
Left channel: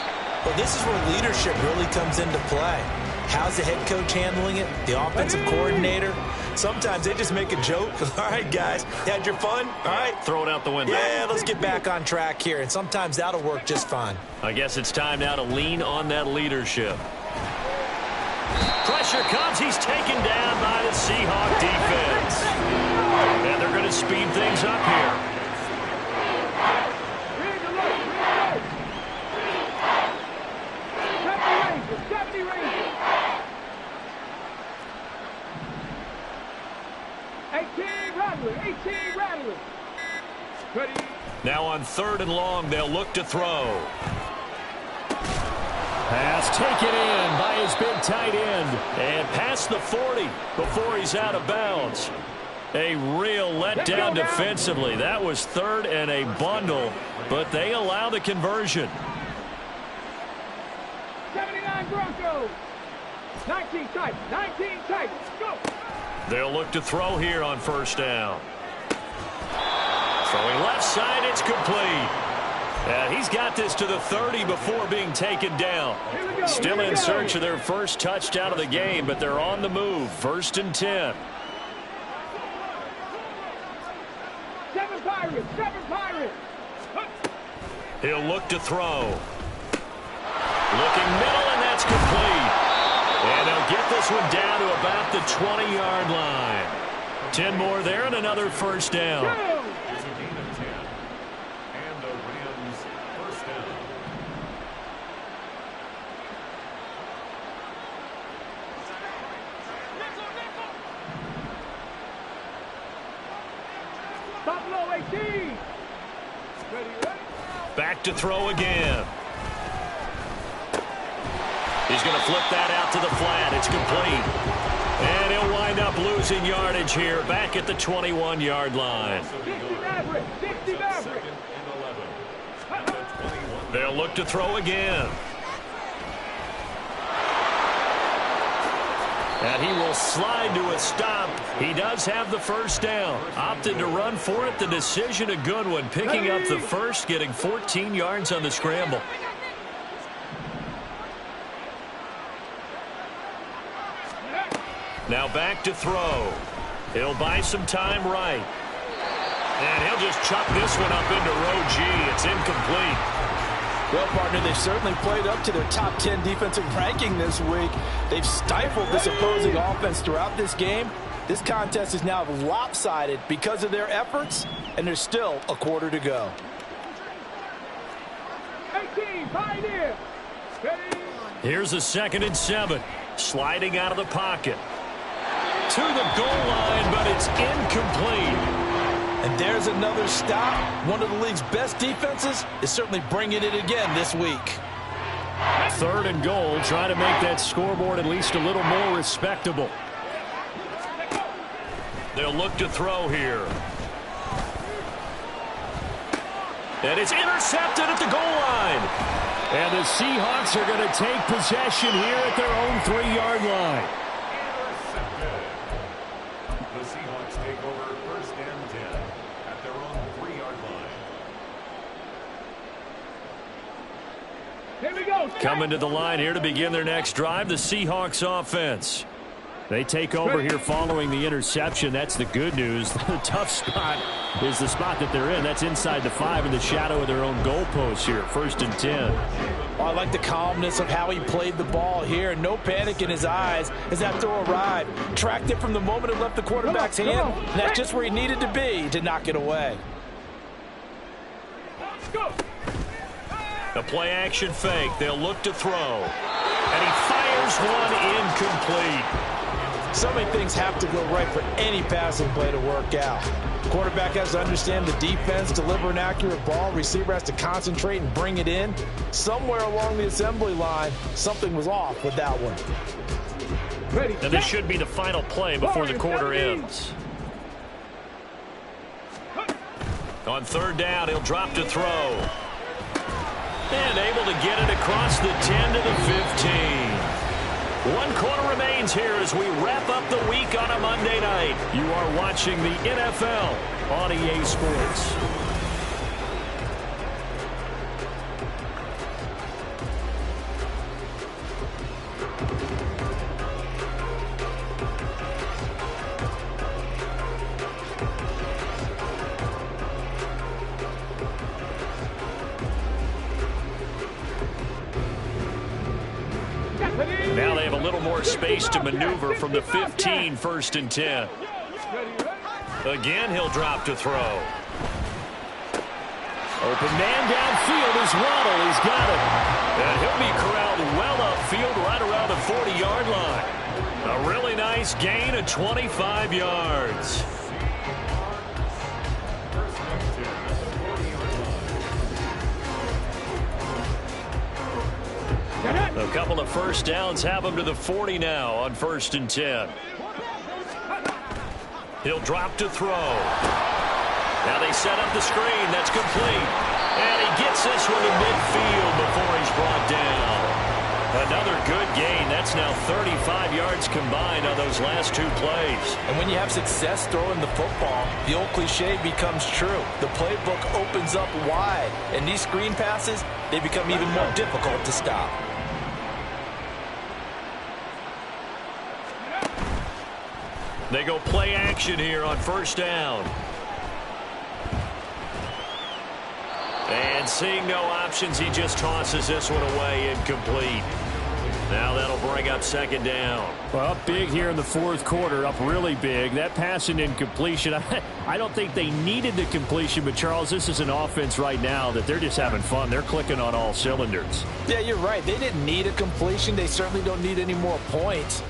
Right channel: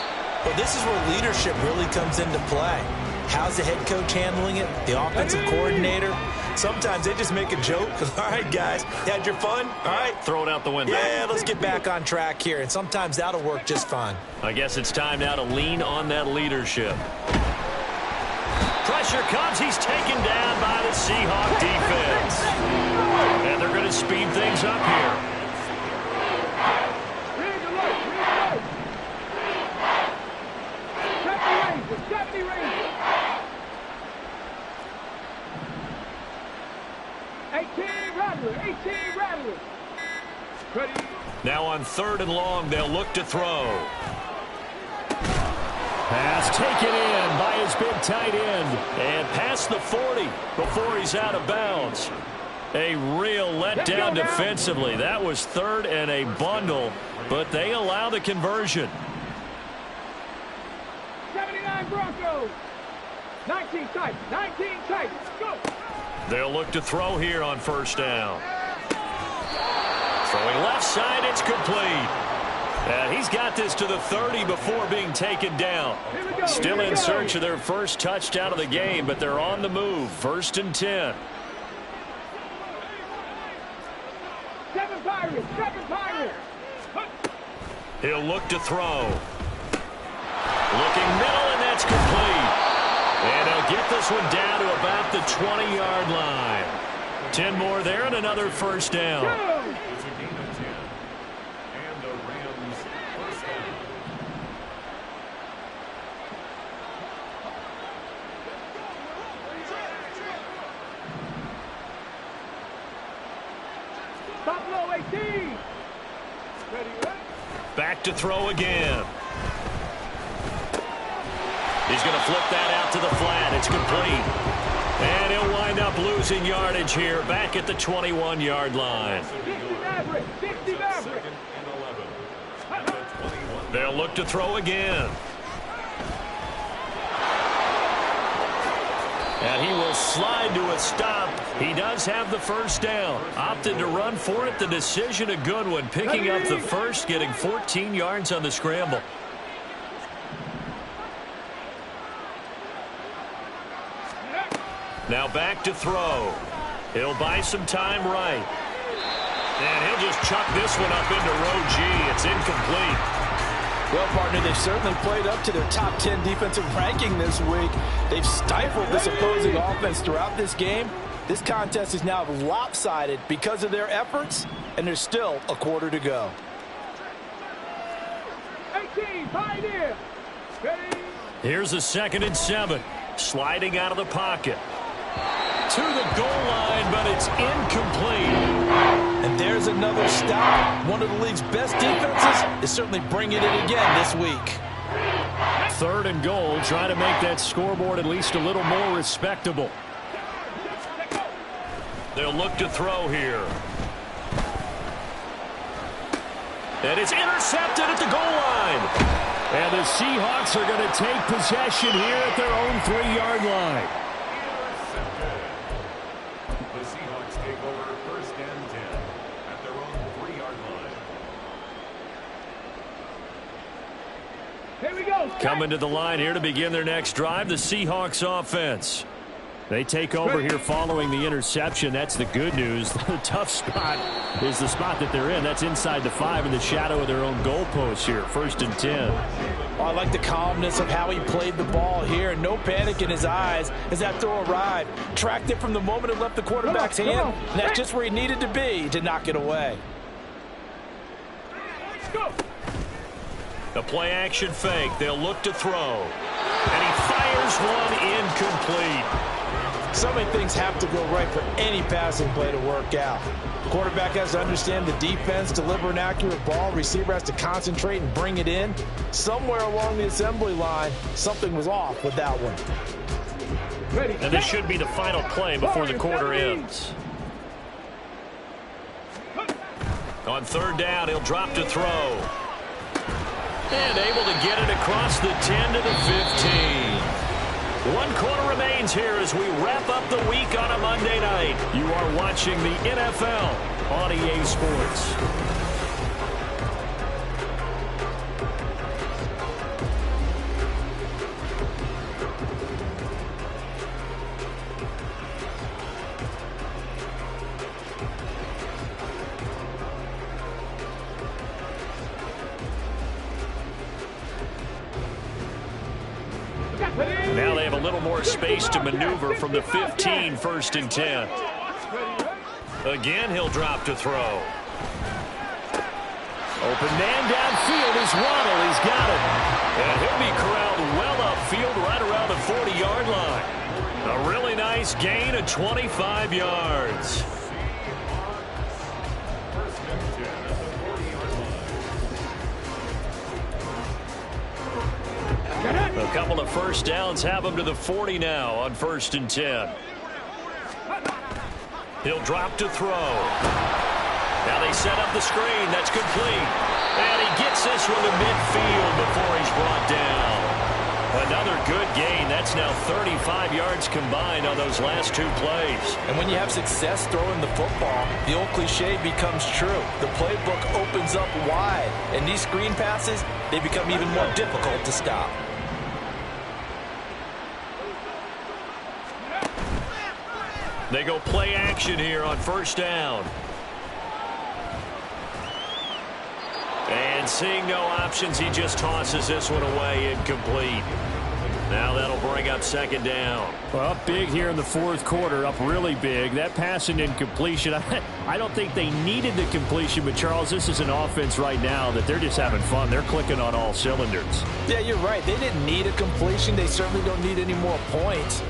Well, this is where leadership really comes into play. How's the head coach handling it? The offensive coordinator? Sometimes they just make a joke. All right, guys, had your fun? All right. Throw it out the window. Yeah, let's get back on track here. And sometimes that'll work just fine. I guess it's time now to lean on that leadership. Pressure comes. He's taken down by the Seahawk defense. And they're going to speed things up here. Read the look, read the look. 70 Rangers. 18 Rattlers. Ready. Now on 3rd and long, they'll look to throw. Pass taken in by his big tight end. And past the 40 before he's out of bounds. A real letdown defensively. That was 3rd and a bundle, but they allow the conversion. 79 Broncos. 19 tight. Go. They'll look to throw here on 1st down. Throwing left side, it's complete. And he's got this to the 30 before being taken down. Still in search of their first touchdown of the game, but they're on the move. 1st and 10. 7 Pirates. He'll look to throw. Looking middle, and that's complete. And they'll get this one down to about the 20-yard line. 10 more there and another 1st down. It's a gain of 10. And the Rams 1st down. Buffalo 18. Ready. Back to throw again. He's going to flip that out to the flat. It's complete. And he'll wind up losing yardage here back at the 21-yard line. 60 Maverick. Second and 11. At the 21. They'll look to throw again. And he will slide to a stop. He does have the 1st down. Opted to run for it. The decision a good one. Picking up the 1st, getting 14 yards on the scramble. Now back to throw. He'll buy some time right. And he'll just chuck this one up into row G. It's incomplete. Well, partner, they've certainly played up to their top 10 defensive ranking this week. They've stifled this opposing offense throughout this game. This contest is now lopsided because of their efforts, and there's still a quarter to go. 18 Pioneer. Ready. Here's a 2nd and 7. Sliding out of the pocket. To the goal line, but it's incomplete. And there's another stop. One of the league's best defenses is certainly bringing it again this week. 3rd and goal. Try to make that scoreboard at least a little more respectable. They'll look to throw here. And it's intercepted at the goal line. And the Seahawks are going to take possession here at their own 3-yard line. Intercepted. The Seahawks take over 1st and 10 at their own 3-yard line. Here we go. Coming to the line here to begin their next drive, the Seahawks offense. They take over here following the interception. That's the good news. The tough spot is the spot that they're in. That's inside the 5 in the shadow of their own goalpost here. 1st and 10. I like the calmness of how he played the ball here. No panic in his eyes as that throw arrived. Tracked it from the moment it left the quarterback's hand. And that's just where he needed to be to knock it away. Go. The play action fake. They'll look to throw. And he fires one incomplete. So many things have to go right for any passing play to work out. Quarterback has to understand the defense, deliver an accurate ball. Receiver has to concentrate and bring it in. Somewhere along the assembly line, something was off with that one. Ready. And this should be the final play before the quarter ends. On 3rd down, he'll drop to throw. And able to get it across the 10 to the 15. 1 quarter remains here as we wrap up the week on a Monday night. You are watching the NFL on EA Sports. Now they have a little more space to maneuver from the 15, 1st and 10. Again, he'll drop to throw. Open man downfield is Waddle. He's got it. And he'll be corralled well upfield right around the 40-yard line. A really nice gain of 25 yards. A couple of first downs have him to the 40 now on 1st and 10. He'll drop to throw. Now they set up the screen. That's complete. And he gets this one to midfield before he's brought down. Another good gain. That's now 35 yards combined on those last 2 plays. And when you have success throwing the football, the old cliche becomes true. The playbook opens up wide. And these screen passes, they become even more difficult to stop. They go play action here on 1st down. And seeing no options, he just tosses this one away incomplete. Now that'll bring up 2nd down. Well, up big here in the 4th quarter, up really big. That pass and incompletion, I don't think they needed the completion, but Charles, this is an offense right now that they're just having fun. They're clicking on all cylinders. Yeah, you're right. They didn't need a completion. They certainly don't need any more points.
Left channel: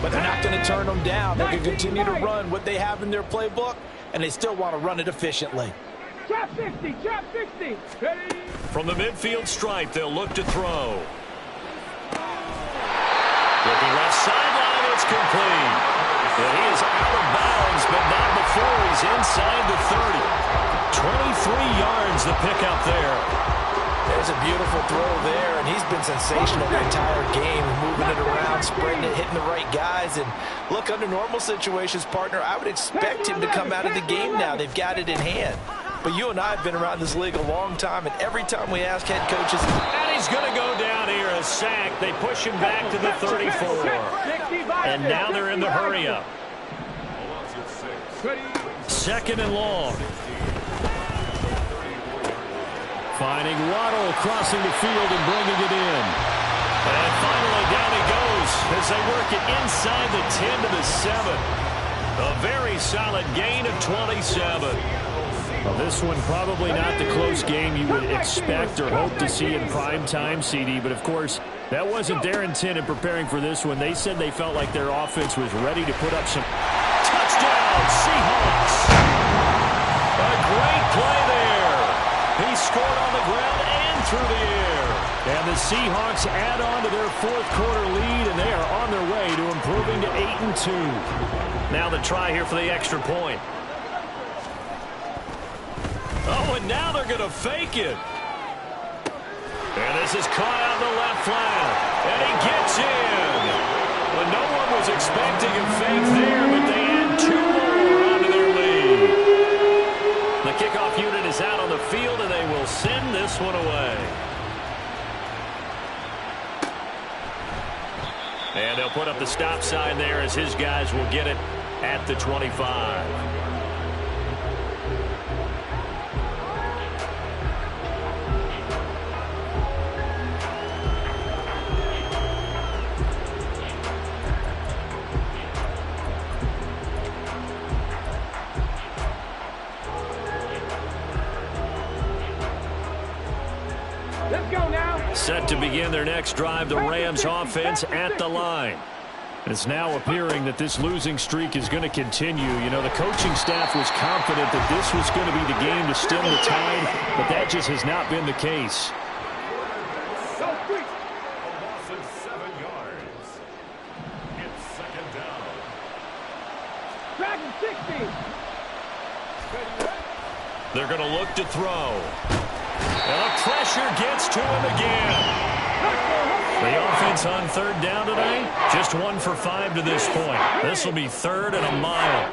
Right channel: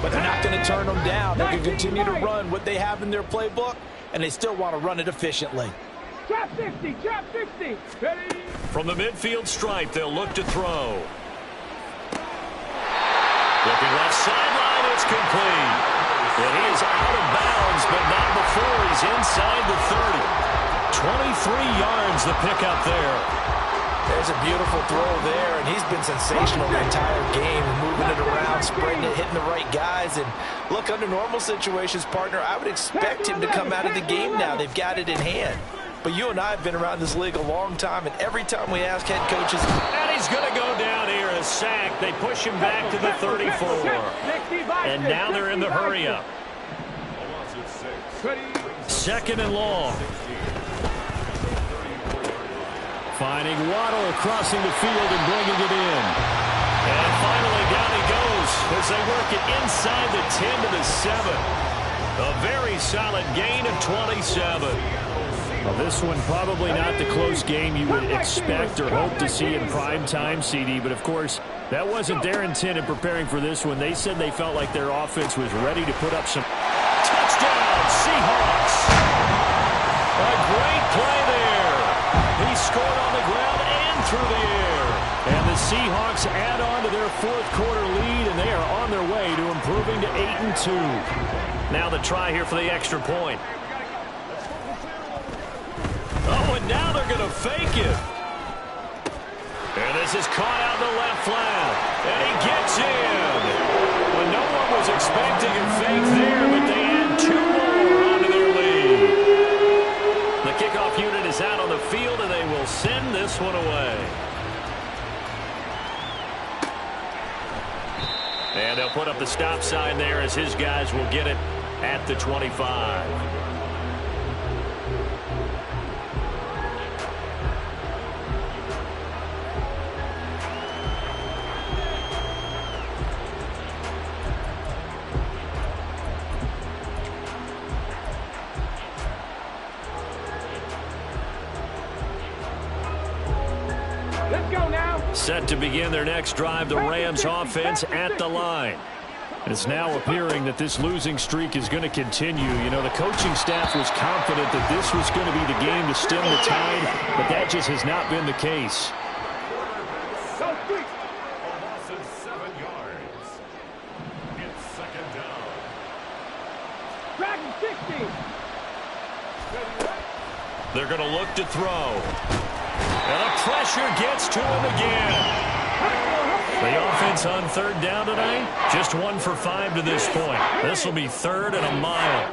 But they're not going to turn them down. They can continue to run what they have in their playbook, and they still want to run it efficiently. Trap 60, trap 60. Ready. From the midfield stripe, they'll look to throw. Looking left sideline, it's complete. And he is out of bounds, but not before he's inside the 30. 23 yards the pickup there. There's a beautiful throw there, and he's been sensational the entire game, moving it around, spreading it, hitting the right guys. And look, under normal situations, partner, I would expect him to come out of the game now. They've got it in hand. But you and I have been around this league a long time, and every time we ask head coaches. And he's going to go down here, a sack. They push him back to the 34. And now they're in the hurry-up. 2nd and long. Finding Waddle crossing the field and bringing it in. And finally down he goes as they work it inside the 10 to the 7. A very solid gain of 27. Well, this one probably not the close game you would expect or hope to see in prime time, CD. But, of course, that wasn't their intent in preparing for this one. They said they felt like their offense was ready to put up some touchdown Seahawks. A great play there. He scored on the ground and through the air. And the Seahawks add on to their 4th quarter lead, and they are on their way to improving to 8-2. Now the try here for the extra point. Oh, and now they're going to fake it. And this is caught out in the left flat. And he gets in. Well, no one was expecting a fake there, but they add 2 more onto their lead. The kickoff unit is out on the field, and they will send this one away. And they'll put up the stop sign there as his guys will get it at the 25. Let's go now. Set to begin their next drive, the Rams offense at the line. It's now appearing that this losing streak is going to continue. You know, the coaching staff was confident that this was going to be the game to stem the tide, but that just has not been the case. Go quick. A loss of 7 yards. It's second down. Dragon 60. They're going to look to throw. And the pressure gets to him again. The offense on third down today, just 1 for 5 to this point. This will be 3rd and a mile.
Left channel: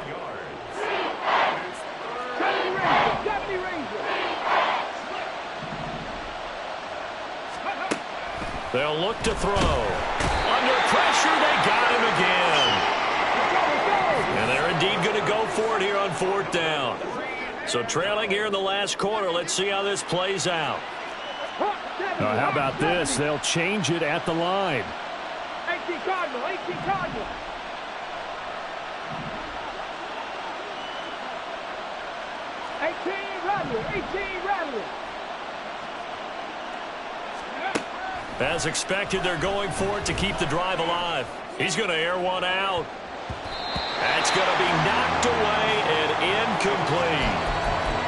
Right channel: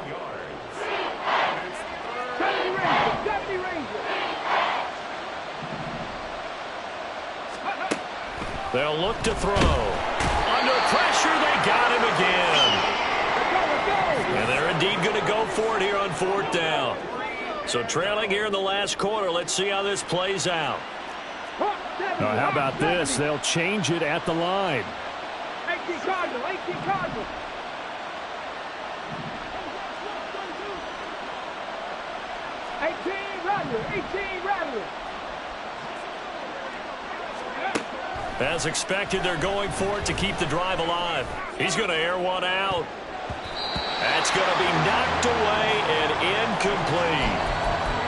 70 Ranger. They'll look to throw. Under pressure, they got him again. And they're indeed going to go for it here on 4th down. So trailing here in the last quarter. Let's see how this plays out. Now, how about this? They'll change it at the line. 18 Cardinal, 18 Cardinal. 18 Rattler, 18 Rattler. As expected, they're going for it to keep the drive alive. He's going to air one out. That's going to be knocked away and incomplete.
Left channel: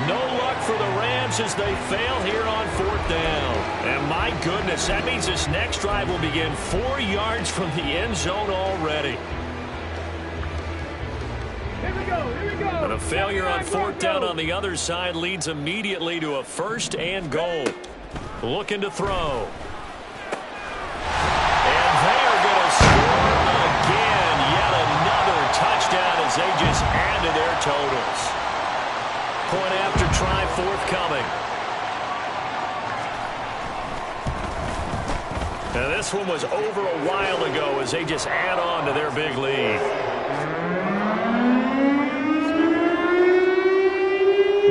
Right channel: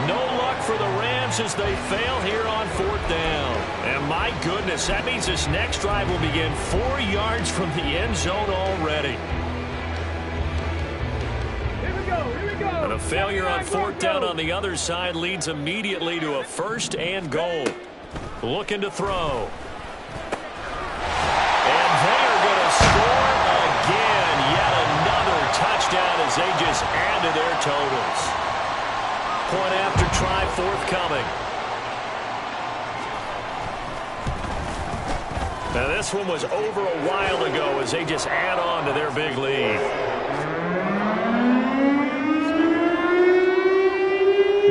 No luck for the Rams as they fail here on 4th down. And my goodness, that means this next drive will begin 4 yards from the end zone already. Here we go, here we go. And a failure on 4th down on the other side leads immediately to a 1st and goal. Looking to throw. And they are going to score again. Yet another touchdown as they just add to their totals. Point after try forthcoming. Now this one was over a while ago as they just add on to their big lead.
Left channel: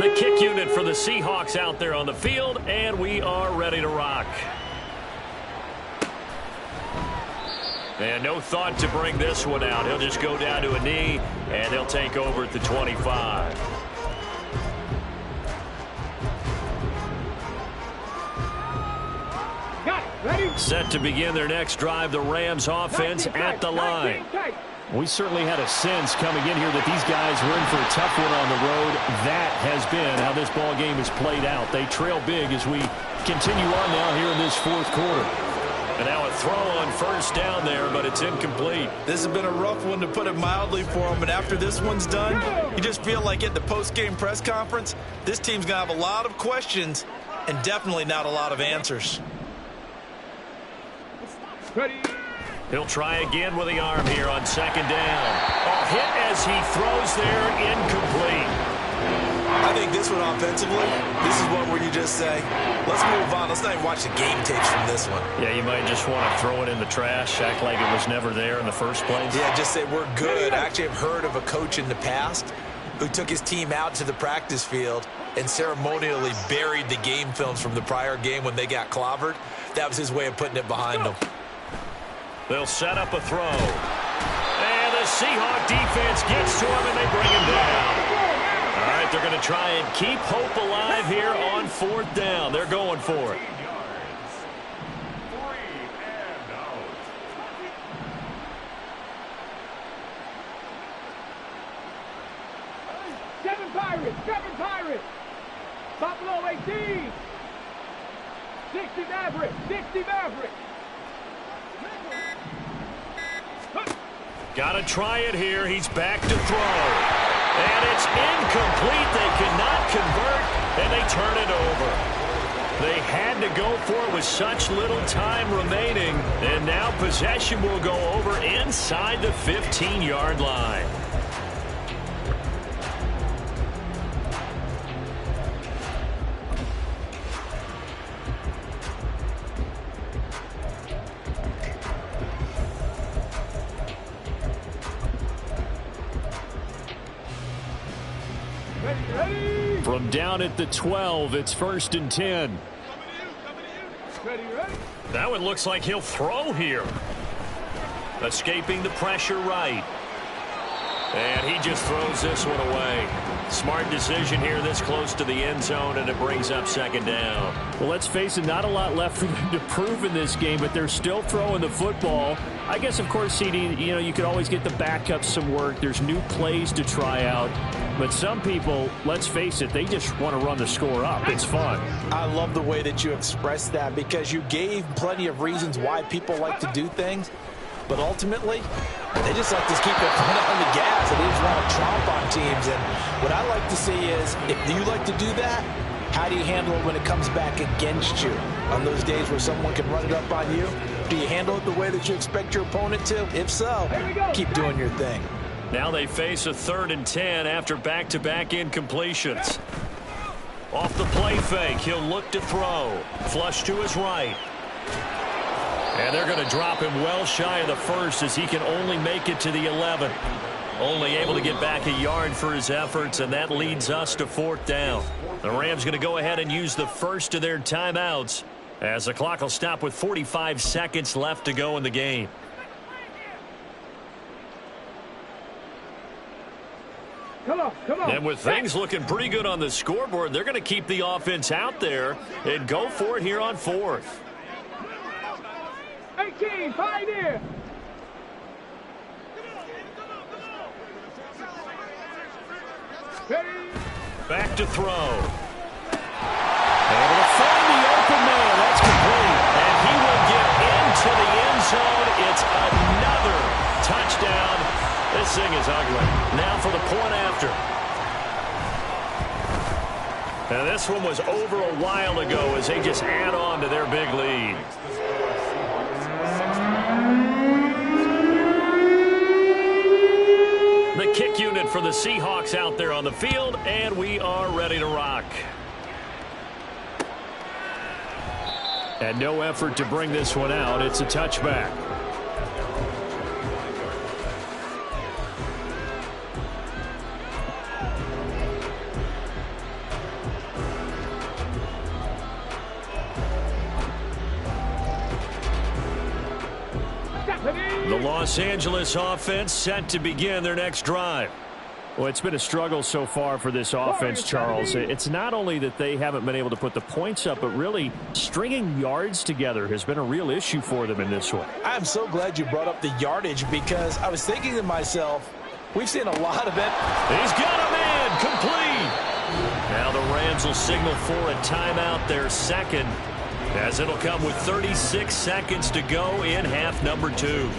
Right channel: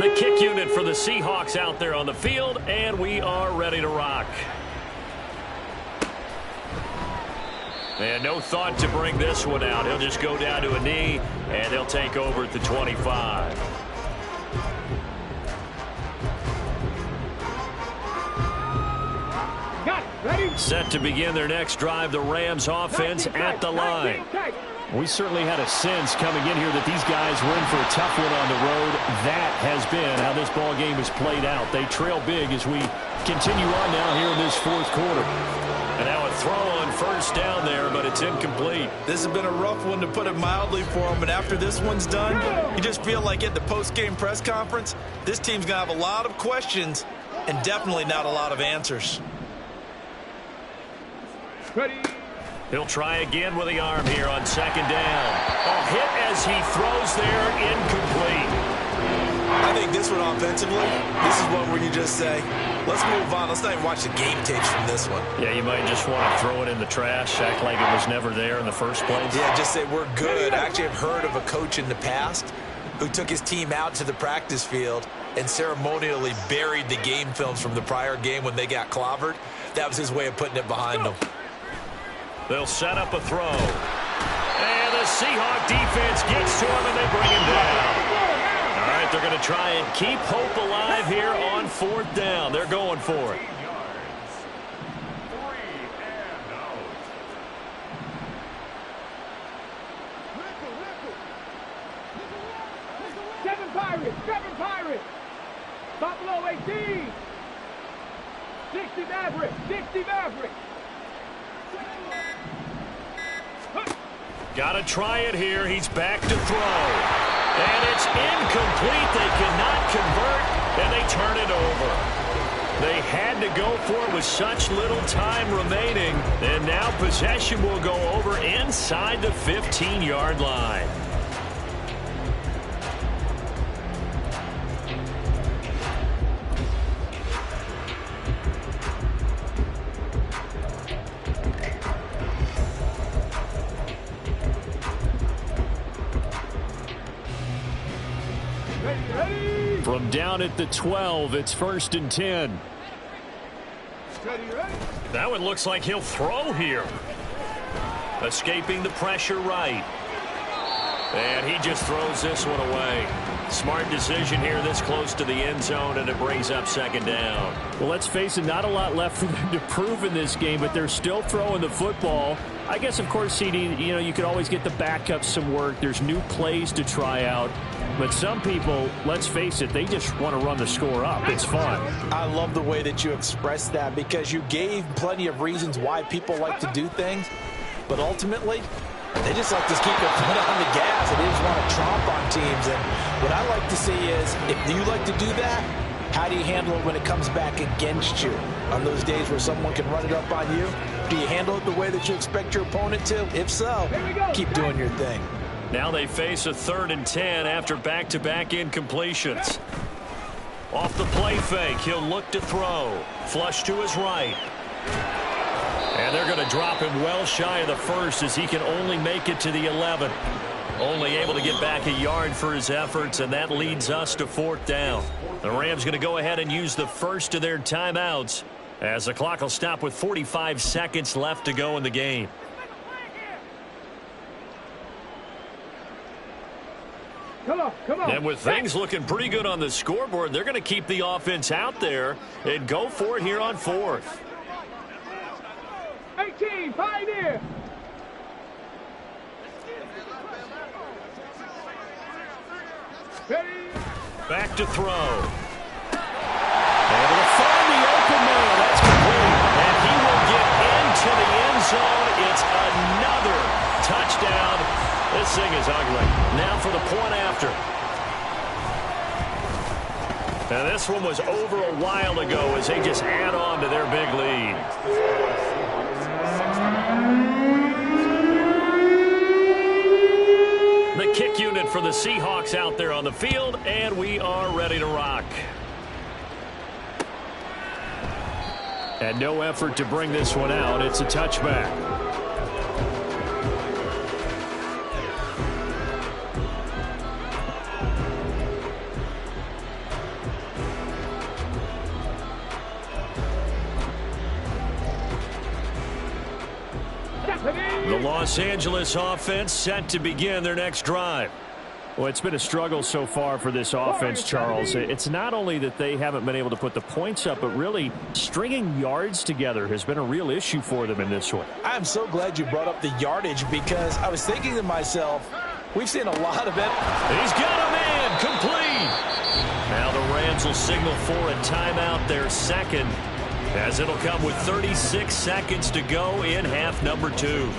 The kick unit for the Seahawks out there on the field, and we are ready to rock. And no thought to bring this one out. He'll just go down to a knee, and they'll take over at the 25. Ready? Set to begin their next drive, the Rams offense at the line. We certainly had a sense coming in here that these guys were in for a tough one on the road. That has been how this ball game has played out. They trail big as we continue on now here in this 4th quarter. And now a throw on 1st down there, but it's incomplete. This has been a rough one, to put it mildly, for them. But after this one's done, you just feel like at the post-game press conference, this team's going to have a lot of questions and definitely not a lot of answers. Ready? He'll try again with the arm here on 2nd down. A hit as he throws there, incomplete. I think this one offensively, this is one where you just say, let's move on. Let's not even watch the game tapes from this one. Yeah, you might just want to throw it in the trash, act like it was never there in the first place. Yeah, just say we're good. I actually have heard of a coach in the past who took his team out to the practice field and ceremonially buried the game films from the prior game when they got clobbered. That was his way of putting it behind them. They'll set up a throw. And the Seahawk defense gets to him, and they bring him down. All right, they're going to try and keep hope alive here on 4th down. They're going for it. 3 and out. Seven Pirates. Buffalo 18. 60 Mavericks. 60 Mavericks. Got to try it here. He's back to throw. And it's incomplete. They cannot convert, and they turn it over. They had to go for it with such little time remaining, and now possession will go over inside the 15-yard line. Ready. From down at the 12, it's 1st and 10. Ready. That one looks like he'll throw here. Escaping the pressure right. And he just throws this one away. Smart decision here this close to the end zone, and it brings up 2nd down. Well, let's face it, not a lot left for them to prove in this game, but they're still throwing the football. I guess, of course, CD, you could always get the backups some work. There's new plays to try out. But some people, let's face it, they just want to run the score up. It's fun. I love the way that you expressed that because you gave plenty of reasons why people like to do things. But ultimately, they just like to keep their foot on the gas, and they just want to tromp on teams. And what I like to see is, if you like to do that, how do you handle it when it comes back against you? On those days where someone can run it up on you, do you handle it the way that you expect your opponent to? If so, keep doing your thing. Now they face a 3rd and 10 after back-to-back incompletions. Off the play fake, he'll look to throw. Flush to his right. And they're going to drop him well shy of the 1st as he can only make it to the 11. Only able to get back a yard for his efforts, and that leads us to 4th down. The Rams going to go ahead and use the first of their timeouts as the clock will stop with 45 seconds left to go in the game. Come on. And with things looking pretty good on the scoreboard, they're going to keep the offense out there and go for it here on 4th. 18, Pioneer. Ready. Back to throw. Able to find the open man. That's complete. And he will get into the end zone. It's another touchdown. This thing is ugly. Now for the point after. Now this one was over a while ago as they just add on to their big lead. The kick unit for the Seahawks out there on the field, and we are ready to rock. And no effort to bring this one out. It's a touchback. The Los Angeles offense set to begin their next drive. Well, it's been a struggle so far for this offense, Charles. It's not only that they haven't been able to put the points up, but really stringing yards together has been a real issue for them in this one. I'm so glad you brought up the yardage because I was thinking to myself, we've seen a lot of it. He's got a man complete. Now the Rams will signal for a timeout, their second, as it'll come with 36 seconds to go in half number 2.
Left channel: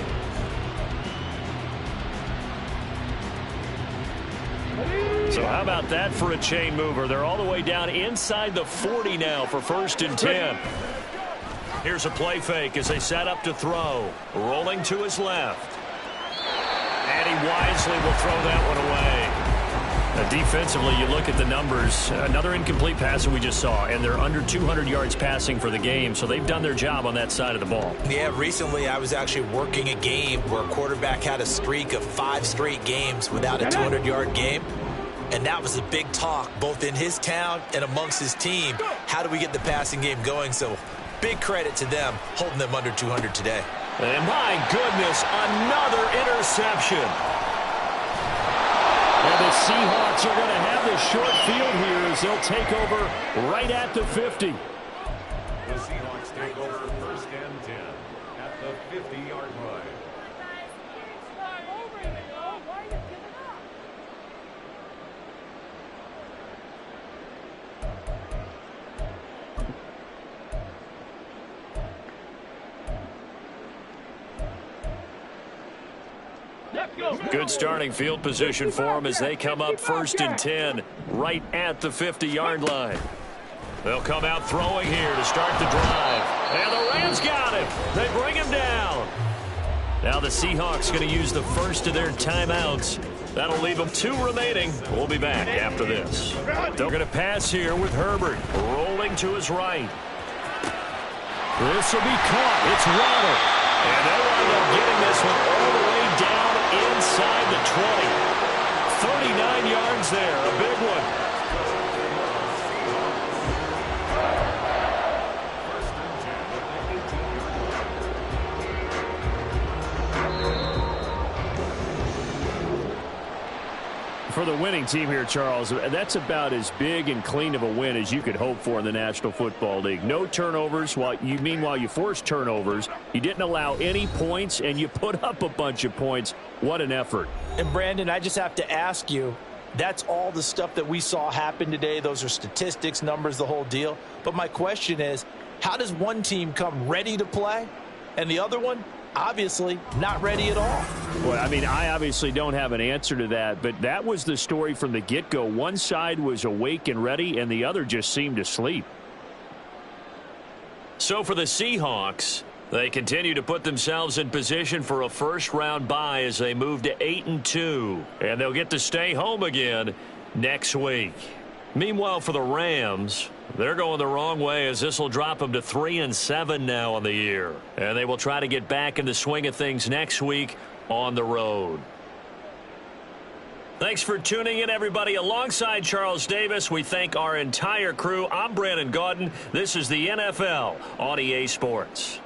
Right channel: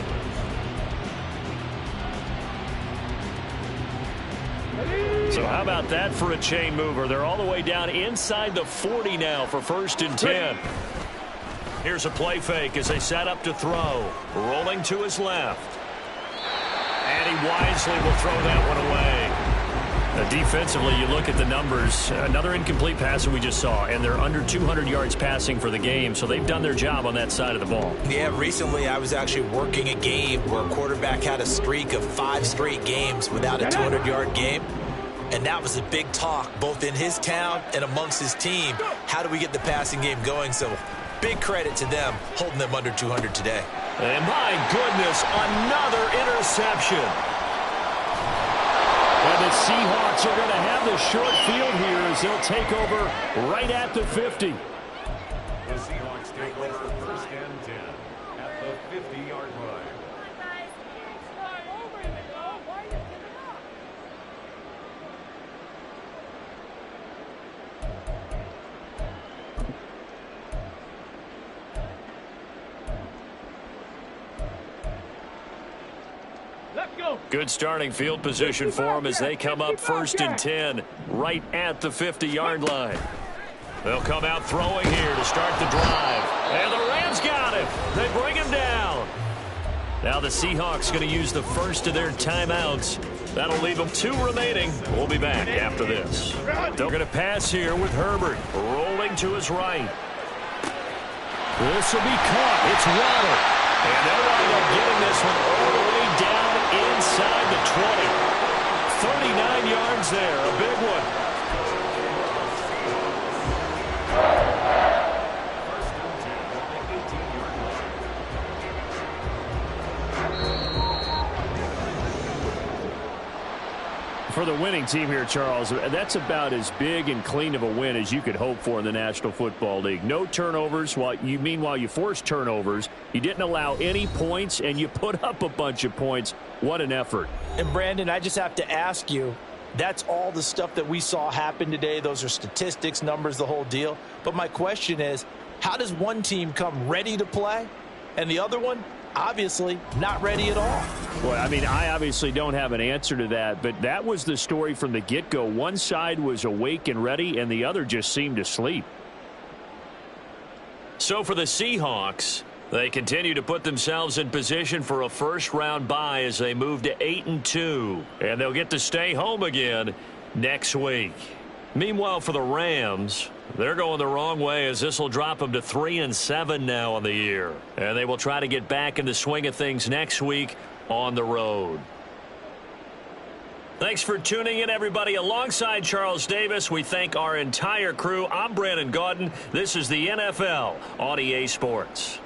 So how about that for a chain mover? They're all the way down inside the 40 now for 1st and 10. Here's a play fake as they set up to throw. Rolling to his left. And he wisely will throw that one away. Defensively, you look at the numbers. Another incomplete pass that we just saw, and they're under 200 yards passing for the game, so they've done their job on that side of the ball. Yeah, recently I was actually working a game where a quarterback had a streak of 5 straight games without a 200-yard game. And that was a big talk, both in his town and amongst his team. How do we get the passing game going? So big credit to them, holding them under 200 today. And my goodness, another interception. And the Seahawks are going to have the short field here as they'll take over right at the 50. The Seahawks take over 1st and 10 at the 50-yard line. Good starting field position for them as they come up 1st and 10 right at the 50-yard line. They'll come out throwing here to start the drive. And the Rams got him. They bring him down. Now the Seahawks going to use the first of their timeouts. That'll leave them 2 remaining. We'll be back after this. They're going to pass here with Herbert rolling to his right. This will be caught. It's Waddle. And they'll wind up getting this one all the way down inside the 20. 39 yards there, a big one. First and 10 at the 18-yard line. For the winning team here, Charles, that's about as big and clean of a win as you could hope for in the National Football League. No turnovers. Meanwhile, you forced turnovers. You didn't allow any points, and you put up a bunch of points. What an effort. And, Brandon, I just have to ask you, that's all the stuff that we saw happen today. Those are statistics, numbers, the whole deal. But my question is, how does one team come ready to play and the other one, obviously, not ready at all? Well, I mean, I obviously don't have an answer to that, but that was the story from the get-go. One side was awake and ready, and the other just seemed to sleep. So for the Seahawks, they continue to put themselves in position for a first-round bye as they move to 8-2, and they'll get to stay home again next week. Meanwhile, for the Rams, they're going the wrong way as this will drop them to 3-7 now on the year, and they will try to get back in the swing of things next week on the road. Thanks for tuning in, everybody. Alongside Charles Davis, we thank our entire crew. I'm Brandon Gaudin. This is the NFL on EA Sports.